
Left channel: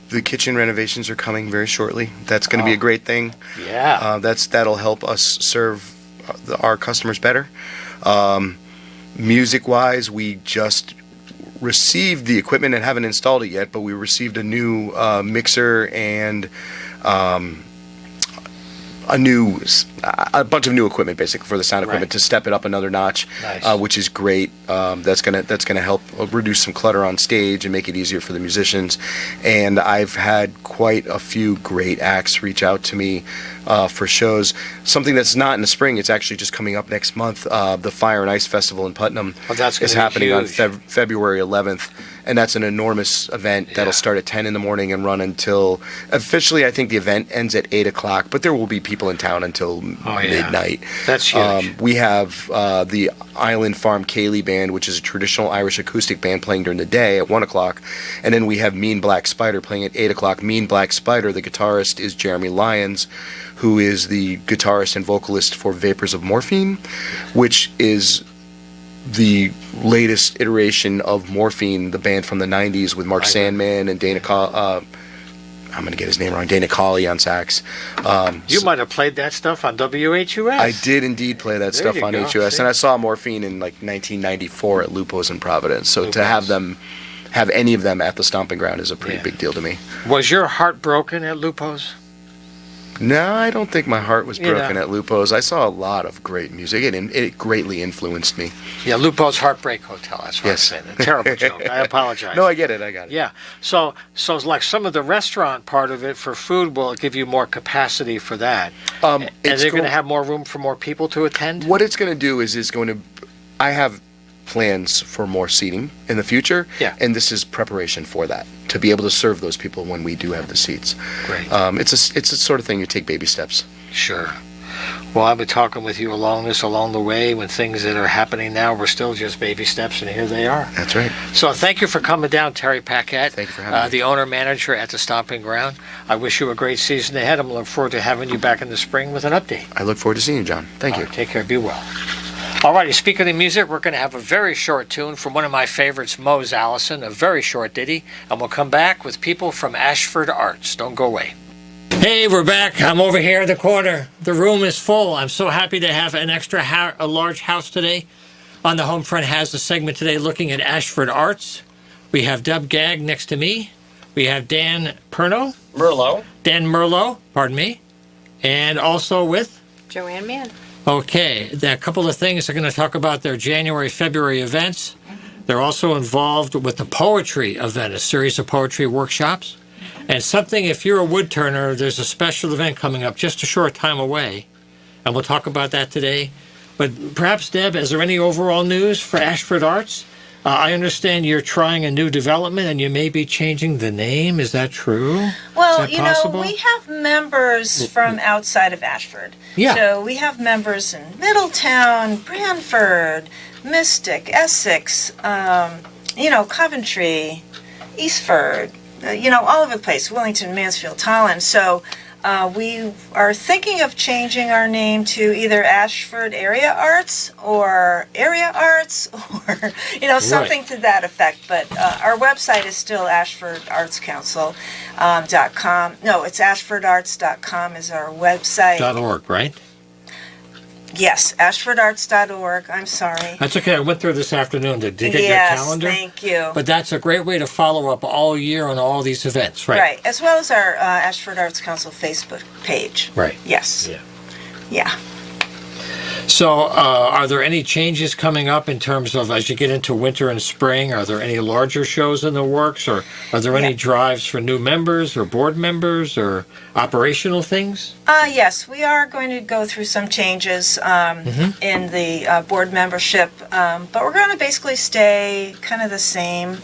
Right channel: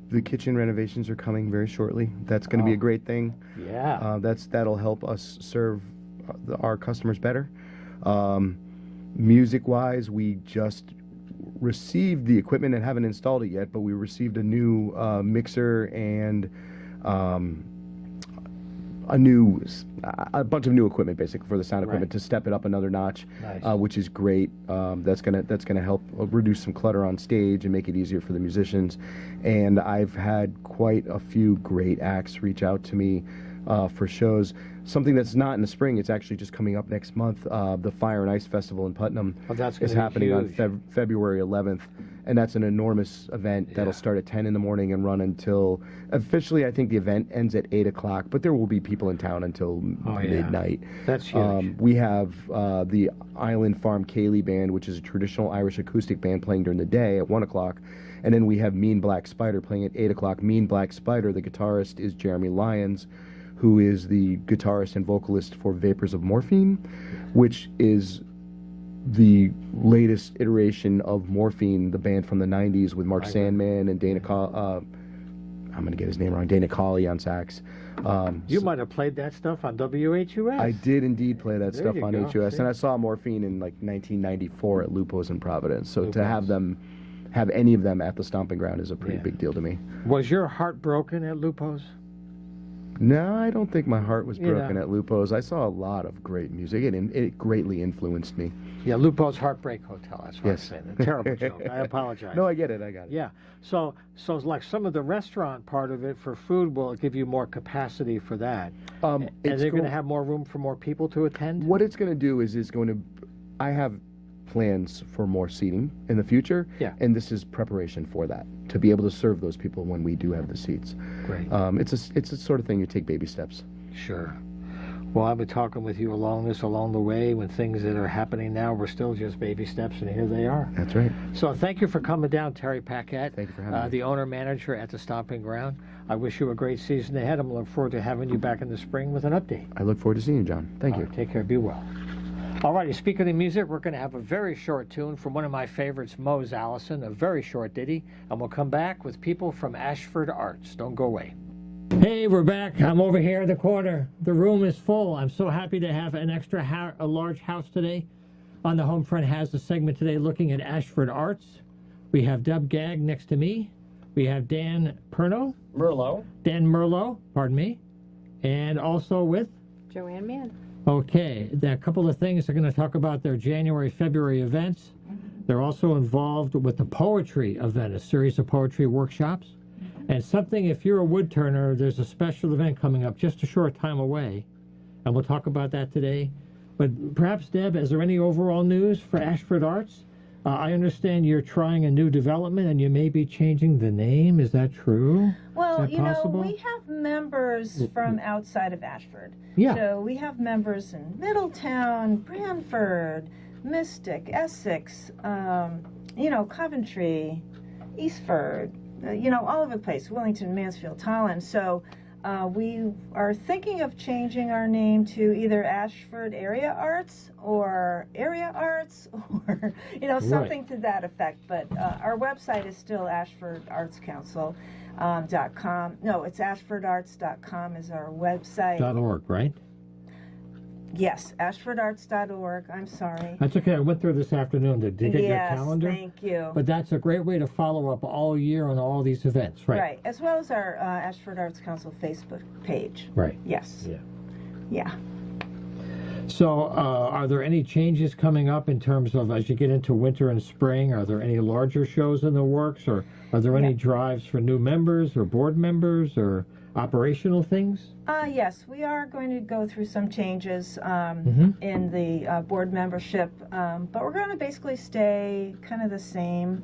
The kitchen renovations are coming very shortly. That's going to be a great thing. Yeah. That'll help us serve our customers better. Music-wise, we just received the equipment and haven't installed it yet, but we received a new mixer and a bunch of new equipment, basically, for the sound equipment to step it up another notch, Nice. which is great. That's gonna help reduce some clutter on stage and make it easier for the musicians. And I've had quite a few great acts reach out to me for shows. Something that's not in the spring, it's actually just coming up next month. The Fire and Ice Festival in Putnam That's is gonna be happening on huge. February 11th. And that's an enormous event that'll start at 10 in the morning and run until, officially, I think the event ends at 8 o'clock, but there will be people in town until midnight. That's huge. We have the Island Farm Ceilidh Band, which is a traditional Irish acoustic band playing during the day at 1 o'clock. And then we have Mean Black Spider playing at 8 o'clock. Mean Black Spider, the guitarist, is Jeremy Lyons, who is the guitarist and vocalist for Vapors of Morphine, which is the latest iteration of Morphine, the band from the 90s with Mark Sandman and Dana I'm going to get his name wrong, Dana Colley on sax. You might have played that stuff on WHUS. I did indeed play that There stuff you on go, HUS, see? and I saw Morphine in like 1994 at Lupo's in Providence. So to have any of them at the Stomping Ground is a pretty big deal to me. Was your heart broken at Lupo's? No, I don't think my heart was You broken know. at Lupo's. I saw a lot of great music. It greatly influenced me. Yeah, Lupo's Heartbreak Hotel. That's what Yes. I'm saying. A terrible joke. I apologize. No, I get it. I got it. Yeah. So it's like some of the restaurant part of it for food will give you more capacity for that. And It's they're going to go- have more room for more people to attend? What it's going to do is I have plans for more seating in the future. Yeah. And this is preparation for that, to be able to serve those people when we do have the seats. Great. It's a sort of thing you take baby steps. Sure. Well, I've been talking with you along the way when things that are happening now were still just baby steps, and here they are. That's right. So thank you for coming down, Terry Paquette. Thank you for having me. The owner-manager at the Stomping Ground. I wish you a great season ahead. I'm looking forward to having you back in the spring with an update. I look forward to seeing you, John. Thank you. All right, take care. Be well. All righty, speaking of music, we're going to have a very short tune from one of my favorites, Mose Allison, a very short ditty, and we'll come back with people from Ashford Arts. Don't go away. Hey, we're back. I'm over here in the corner. The room is full. I'm so happy to have an a large house today. On the Homefront has a segment today looking at Ashford Arts. We have Deb Gagg next to me. We have Dan Merlot, pardon me, and also with Joanne Mann. Okay, there are a couple of things. They're going to talk about their January, February events. They're also involved with the poetry event, a series of poetry workshops. And something, if you're a wood turner, there's a special event coming up just a short time away. And we'll talk about that today. But perhaps, Deb, is there any overall news for Ashford Arts? I understand you're trying a new development and you may be changing the name. Is that true? Well, Is that possible? we have members from outside of Ashford. Yeah. So we have members in Middletown, Branford, Mystic, Essex, Coventry, Eastford, all over the place, Wellington, Mansfield, Tolland. So we are thinking of changing our name to either Ashford Area Arts or Area Arts or, something to that effect. But our website is still AshfordArtsCouncil.com. No, it's AshfordArts.com is our website. .org, right? Yes, AshfordArts.org. I'm sorry. That's okay. I went through this afternoon to get Yes, your calendar. thank you. But that's a great way to follow up all year on all these events, right? Right, as well as our Ashford Arts Council Facebook page. Right. Yes. Yeah. Yeah. So, are there any changes coming up in terms of as you get into winter and spring? Are there any larger shows in the works, or are there any drives for new members or board members or operational things? Yes, we are going to go through some changes in the board membership, but we're going to basically stay kind of the same.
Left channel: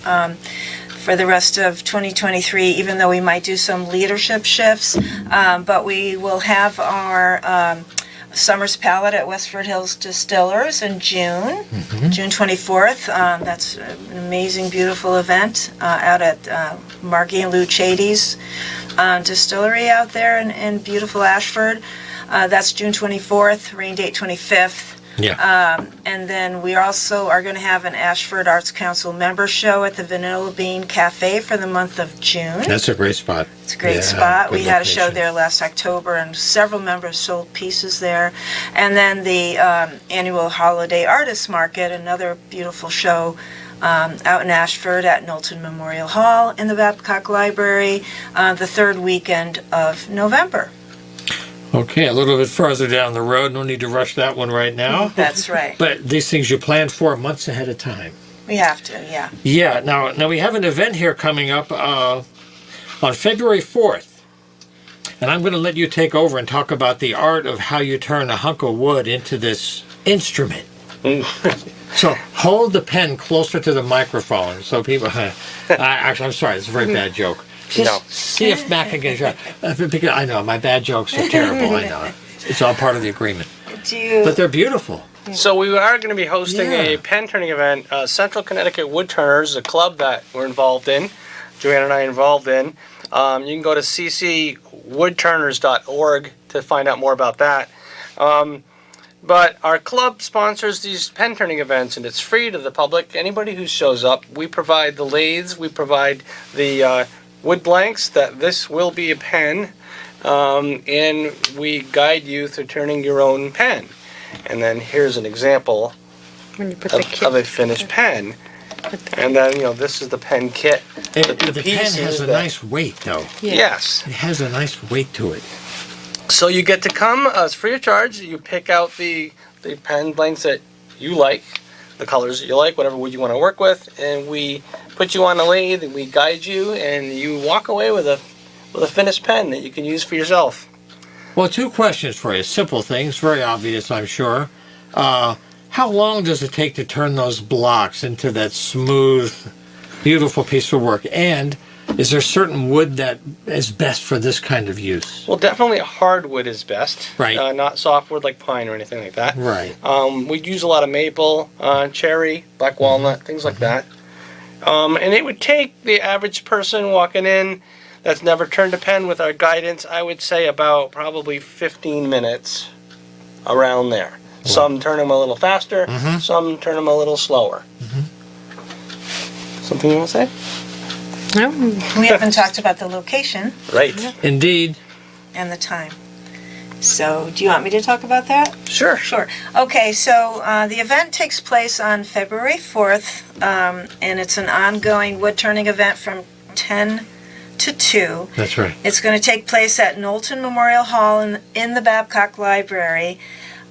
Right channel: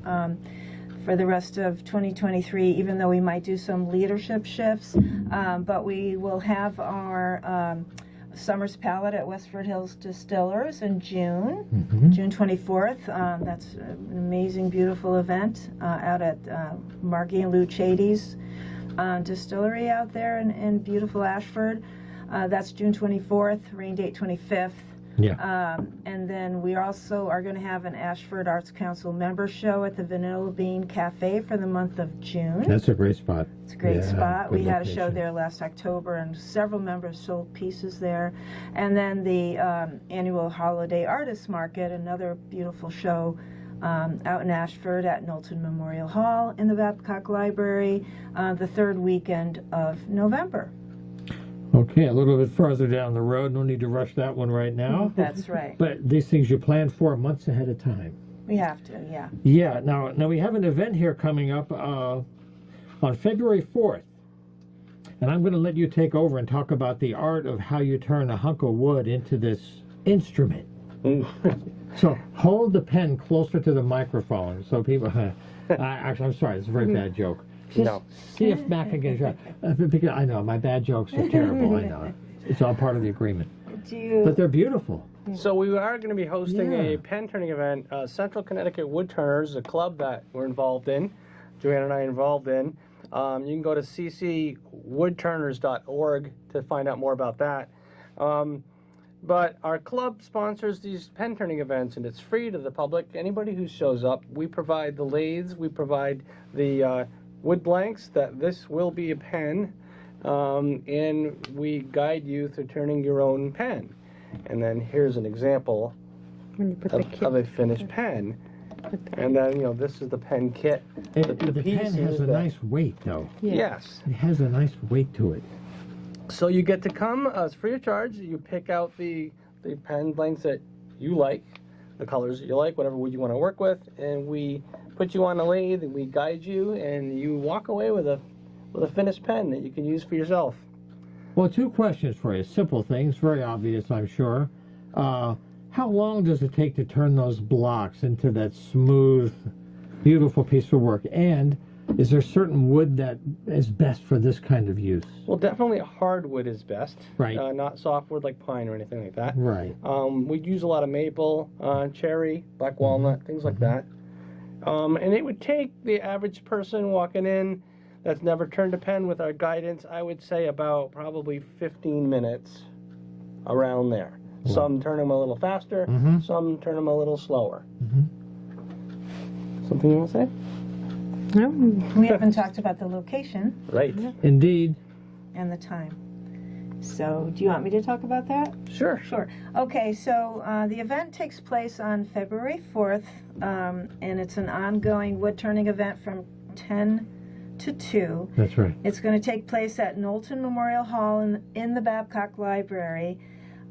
for the rest of 2023, even though we might do some leadership shifts. But we will have our Summer's Palette at Westford Hills Distillers in June, June 24th. That's an amazing, beautiful event out at Margie and Lou Chady's distillery out there in beautiful Ashford. That's June 24th, rain date 25th. Yeah. And then we also are going to have an Ashford Arts Council member show at the Vanilla Bean Cafe for the month of June. That's a great spot. It's a great Yeah, spot. good We had a show location. there last October, and several members sold pieces there. And then the annual Holiday Artists Market, another beautiful show out in Ashford at Knowlton Memorial Hall in the Babcock Library, the third weekend of November. Okay, a little bit further down the road. No need to rush that one right now. That's right. But these things you plan for months ahead of time. We have to, yeah. Yeah. Now we have an event here coming up on February 4th. And I'm going to let you take over and talk about the art of how you turn a hunk of wood into this instrument. So hold the pen closer to the microphone so people. Actually, I'm sorry, it's a very bad joke. Just see if Matt can get a joke. Because I know my bad jokes are terrible. I know it's all part of the agreement. But they're beautiful. So we are going to be hosting Yeah. a pen turning event. Central Connecticut Woodturners, a club that we're involved in, Joanne and I are involved in. You can go to ccwoodturners.org to find out more about that. But our club sponsors these pen turning events, and it's free to the public. Anybody who shows up, we provide the lathes, we provide the wood blanks that this will be a pen, and we guide you through turning your own pen. And then here's an example When you put of a finished pen. And then, this is the pen kit. The pen pieces has a that- nice weight, though. Yes. It has a nice weight to it. So you get to come, it's free of charge. You pick out the pen blanks that you like, the colors that you like, whatever wood you want to work with, and we put you on the lathe and we guide you, and you walk away with a finished pen that you can use for yourself. Well, two questions for you. Simple things, very obvious, I'm sure. How long does it take to turn those blocks into that smooth, beautiful piece of work? And is there certain wood that is best for this kind of use? Well, definitely hardwood is best. Right. Not softwood like pine or anything like that. Right. We use a lot of maple, cherry, black walnut, things like that. And it would take the average person walking in that's never turned a pen with our guidance, I would say about probably 15 minutes around there. Some turn them a little faster, some turn them a little slower. Something you want to say? No, We haven't talked about the location Right. Indeed. and the time. So, do you want me to talk about that? Sure. Sure. Okay, so the event takes place on February 4th, and it's an ongoing wood turning event from 10 to 2. That's right. It's going to take place at Knowlton Memorial Hall in the Babcock Library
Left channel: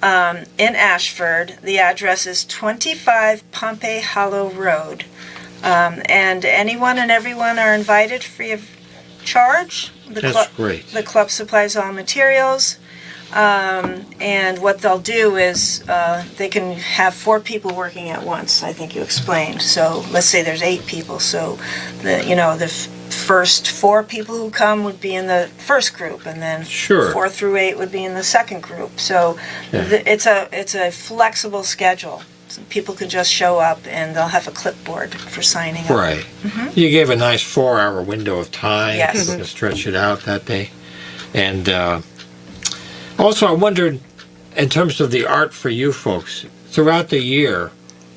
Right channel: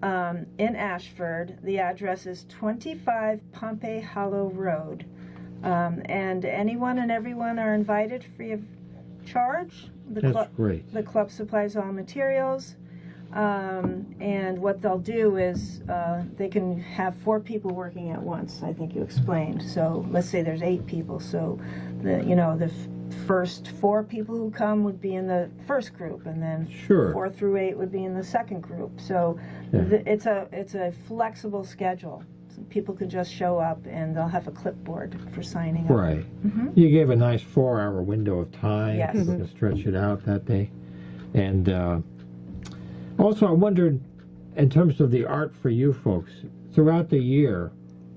in Ashford. The address is 25 Pompey Hollow Road. And anyone and everyone are invited free of charge. That's great. The club supplies all materials. And what they'll do is they can have 4 people working at once, I think you explained. So let's say there's 8 people. So the first 4 people who come would be in the first group, and then Sure. 4 through 8 would be in the second group. So Yeah. it's a flexible schedule. So people can just show up, and they'll have a clipboard for signing up. Right. You gave a nice 4-hour window of time. Yes. People can stretch it out that day. And also, I wondered, in terms of the art for you folks, throughout the year,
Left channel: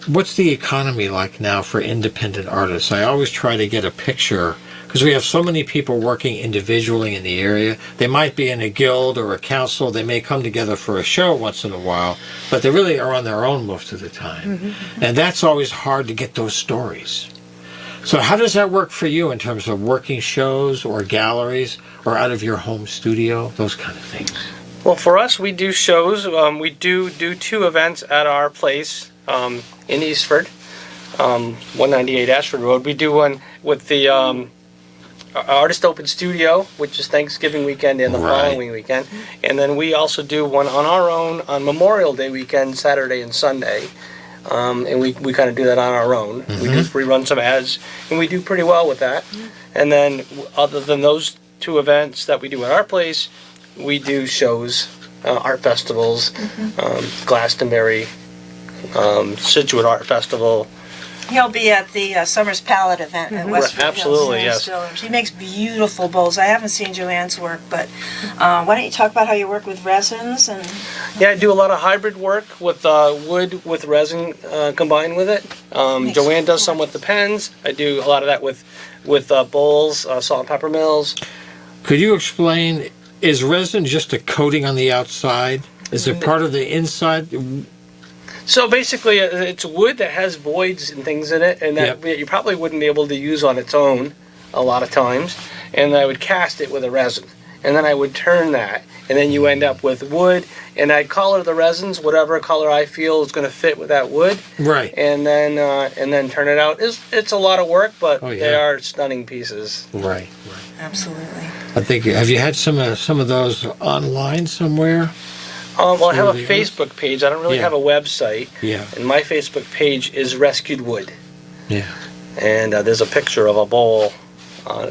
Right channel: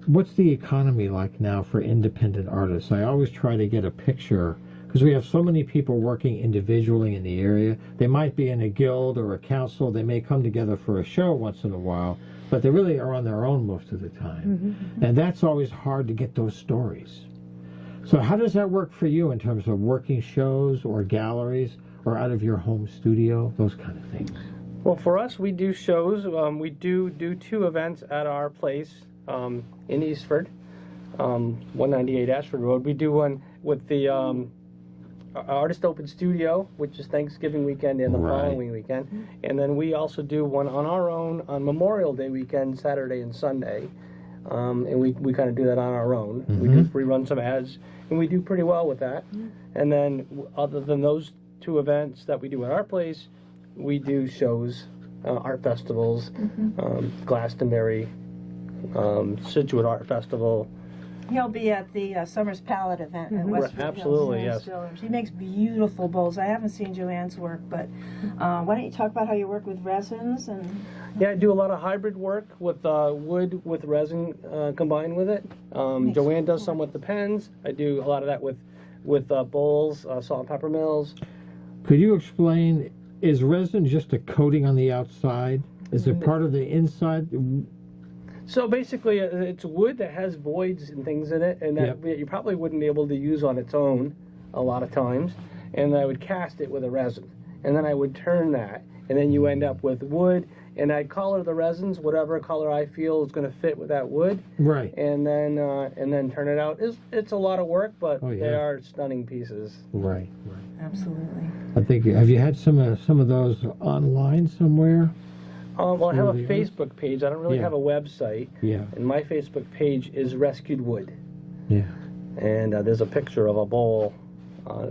what's the economy like now for independent artists? I always try to get a picture, because we have so many people working individually in the area. They might be in a guild or a council. They may come together for a show once in a while, but they really are on their own most of the time. And that's always hard to get those stories. So how does that work for you in terms of working shows or galleries or out of your home studio, those kind of things? Well, for us, we do shows. We do 2 events at our place in Eastford, 198 Ashford Road. We do one with the Artist Open Studio, which is Thanksgiving weekend and the Right. following weekend. And then we also do one on our own on Memorial Day weekend, Saturday and Sunday. and we kind of do that on our own. We just rerun some ads, and we do pretty well with that. And then, other than those two events that we do at our place, we do shows, art festivals, Glastonbury, Situate Art Festival. He'll be at the Summers Palette event at Westwood Absolutely, Hills yes. Distillers. He makes beautiful bowls. I haven't seen Joanne's work, but why don't you talk about how you work with resins and Yeah, I do a lot of hybrid work with wood with resin combined with it. Joanne does some with the pens. I do a lot of that with bowls, salt and pepper mills. Could you explain, is resin just a coating on the outside? Is it part of the inside? So basically, it's wood that has voids and things in it, and that you probably wouldn't be able to use on its own a lot of times. And I would cast it with a resin, and then I would turn that, and then you end up with wood. And I'd color the resins whatever color I feel is going to fit with that wood, Right. and then turn it out. It's a lot of work, but Oh, yeah. they are stunning pieces. Right. absolutely? I think, have you had some of those online somewhere? Well, I have a Really is. Facebook page. I don't really Yeah. have a website, Yeah. and my Facebook page is Rescued Wood. Yeah. And there's a picture of a bowl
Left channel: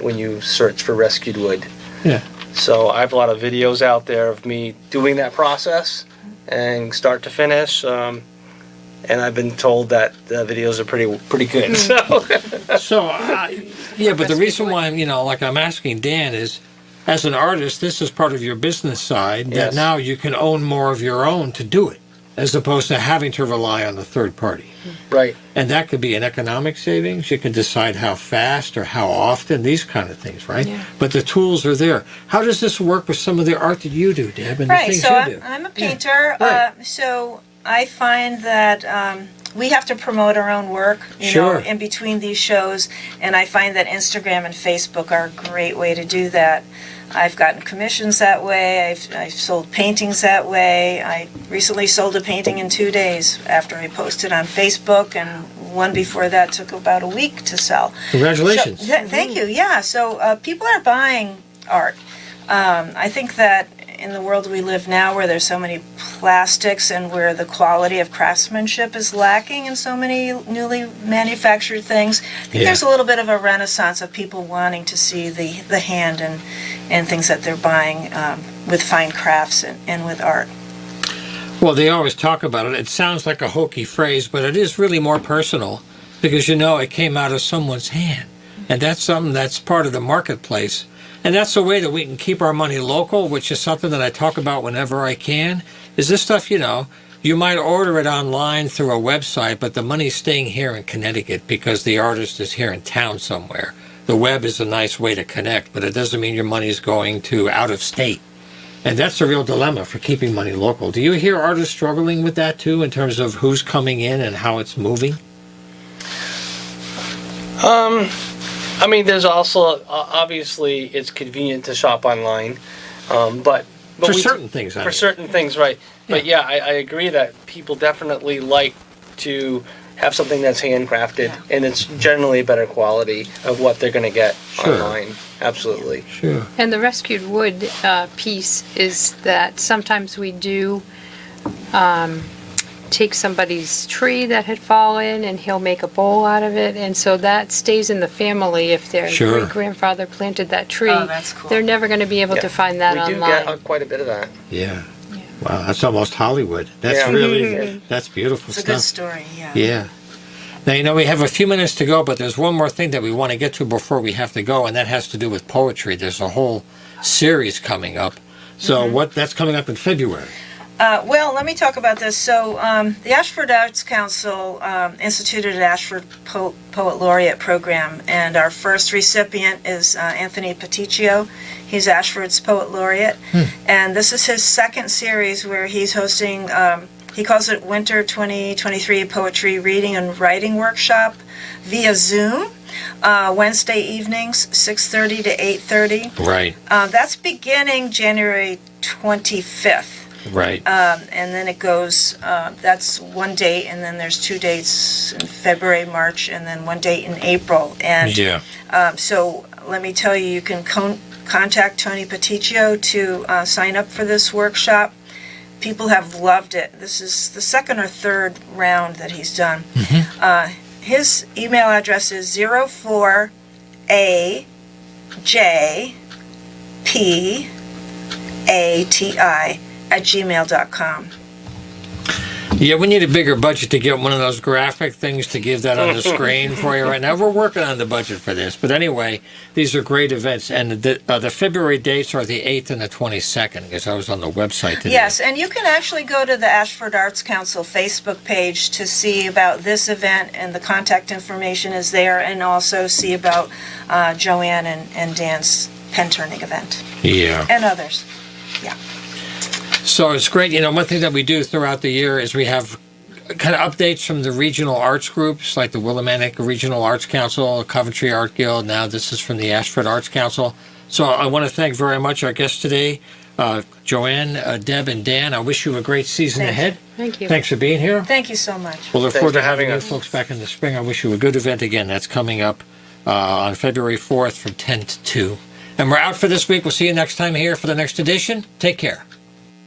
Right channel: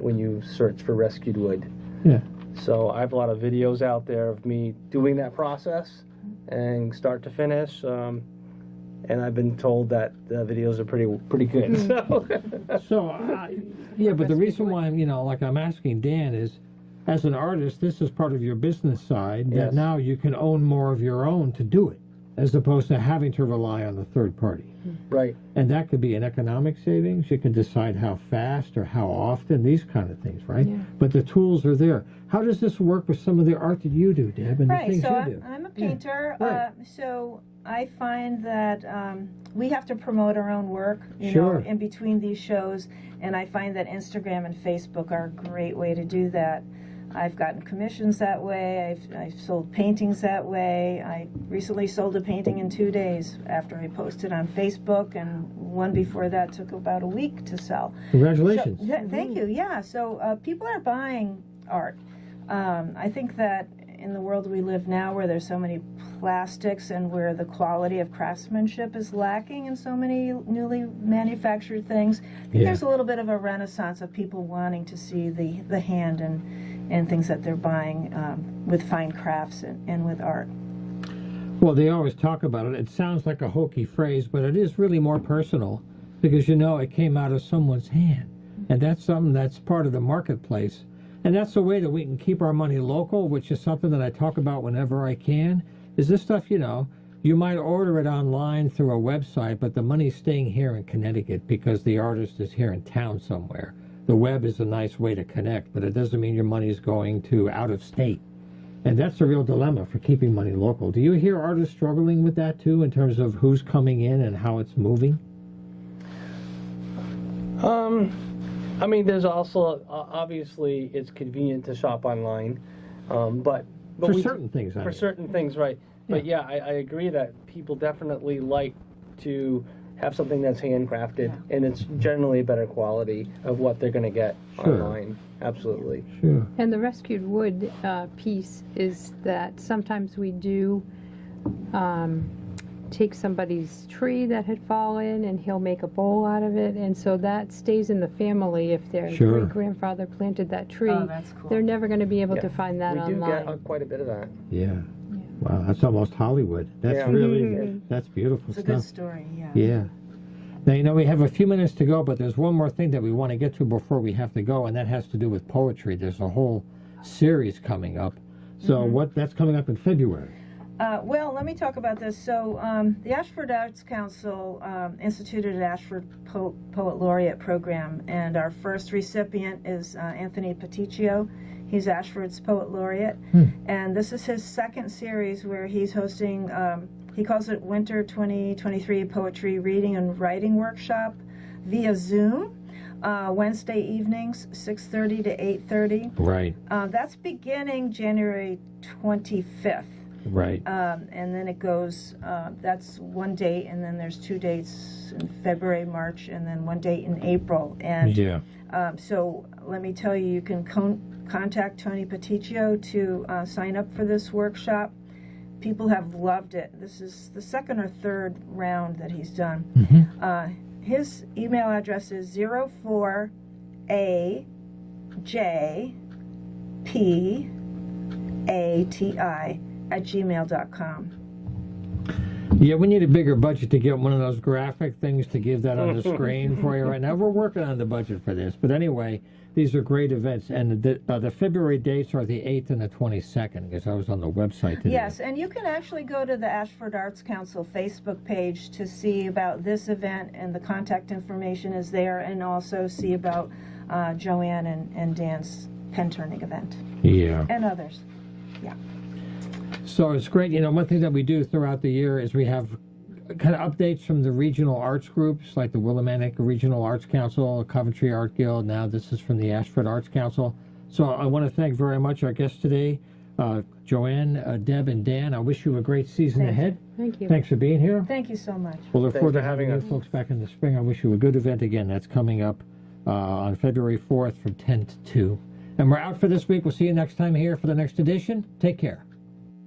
when you search for Rescued Wood. Yeah. So I have a lot of videos out there of me doing that process and start to finish. And I've been told that the videos are pretty good. So So, yeah, but the reason why I'm asking Dan is, as an artist, this is part of your business side that Yes. now you can own more of your own to do it, as opposed to having to rely on the third party. right. And that could be an economic savings. You can decide how fast or how often, these kind of things, right? Yeah. But the tools are there. How does this work with some of the art that you do, Deb, and the Right, things so you do? I'm a painter, Right. so I find that we have to promote our own work, Sure. in between these shows, and I find that Instagram and Facebook are a great way to do that. I've gotten commissions that way. I've sold paintings that way. I recently sold a painting in 2 days after I posted on Facebook, and one before that took about a week to sell. Congratulations. So, thank you. Yeah. So people are buying art. I think that in the world we live now, where there's so many plastics and where the quality of craftsmanship is lacking in so many newly manufactured things, I think Yeah. there's a little bit of a renaissance of people wanting to see the hand and things that they're buying with fine crafts and with art. Well, they always talk about it. It sounds like a hokey phrase, but it is really more personal because it came out of someone's hand. And that's something that's part of the marketplace. And that's the way that we can keep our money local, which is something that I talk about whenever I can. Is this stuff, you might order it online through a website, but the money's staying here in Connecticut because the artist is here in town somewhere. The web is a nice way to connect, but it doesn't mean your money's going to out of state. And that's a real dilemma for keeping money local. Do you hear artists struggling with that too, in terms of who's coming in and how it's moving? I mean, there's also obviously it's convenient to shop online, but For we- certain things, I for mean. certain things, right? But yeah, I agree that people definitely like to have something that's handcrafted, and it's generally a better quality of what they're going to get Sure. online. Absolutely. Sure. And the rescued wood piece is that sometimes we do take somebody's tree that had fallen and he'll make a bowl out of it. And so that stays in the family if their Sure. great grandfather planted that tree. Oh, that's cool. They're never going to be able Yeah. to find that we do online. get quite a bit of that. Yeah. Wow, that's almost Hollywood. That's Yeah. really, that's beautiful It's a stuff. good story, yeah. Yeah. Now, we have a few minutes to go, but there's one more thing that we want to get to before we have to go, and that has to do with poetry. There's a whole series coming up. So that's coming up in February. Well, let me talk about this. So, the Ashford Arts Council instituted an Ashford Poet Laureate program, and our first recipient is Anthony Peticcio. He's Ashford's Poet Laureate, and this is his second series where he's hosting, he calls it Winter 2023 Poetry Reading and Writing Workshop via Zoom. Wednesday evenings, 6:30 to 8:30. Right. That's beginning January 25th. Right. And then it goes, that's one date, and then there's 2 dates in February, March, and then one date in April. And Yeah. so let me tell you, you can contact Tony Peticcio to sign up for this workshop. people have loved it. This is the second or third round that he's done. His email address is 04AJPATI@gmail.com. Yeah, we need a bigger budget to get one of those graphic things to give that on the screen for you right now. We're working on the budget for this. But anyway, these are great events. And the February dates are the 8th and the 22nd, because I was on the website today. Yes, and you can actually go to the Ashford Arts Council Facebook page to see about this event, and the contact information is there, and also see about Joanne and Dan's pen turning event, Yeah. and others. Yeah. So it's great. You know, one thing that we do throughout the year is we have kind of updates from the regional arts groups, like the Willimantic Regional Arts Council, Coventry Art Guild. Now this is from the Ashford Arts Council. So I want to thank very much our guests today, Joanne, Deb, and Dan. I wish you a great season Thank you. ahead. Thank you. Thanks for being here. Thank you so much. We'll look Thanks forward for to having having you us. folks back in the spring. I wish you a good event again. That's coming up on February 4th from 10 to 2. And we're out for this week. We'll see you next time here for the next edition. Take care.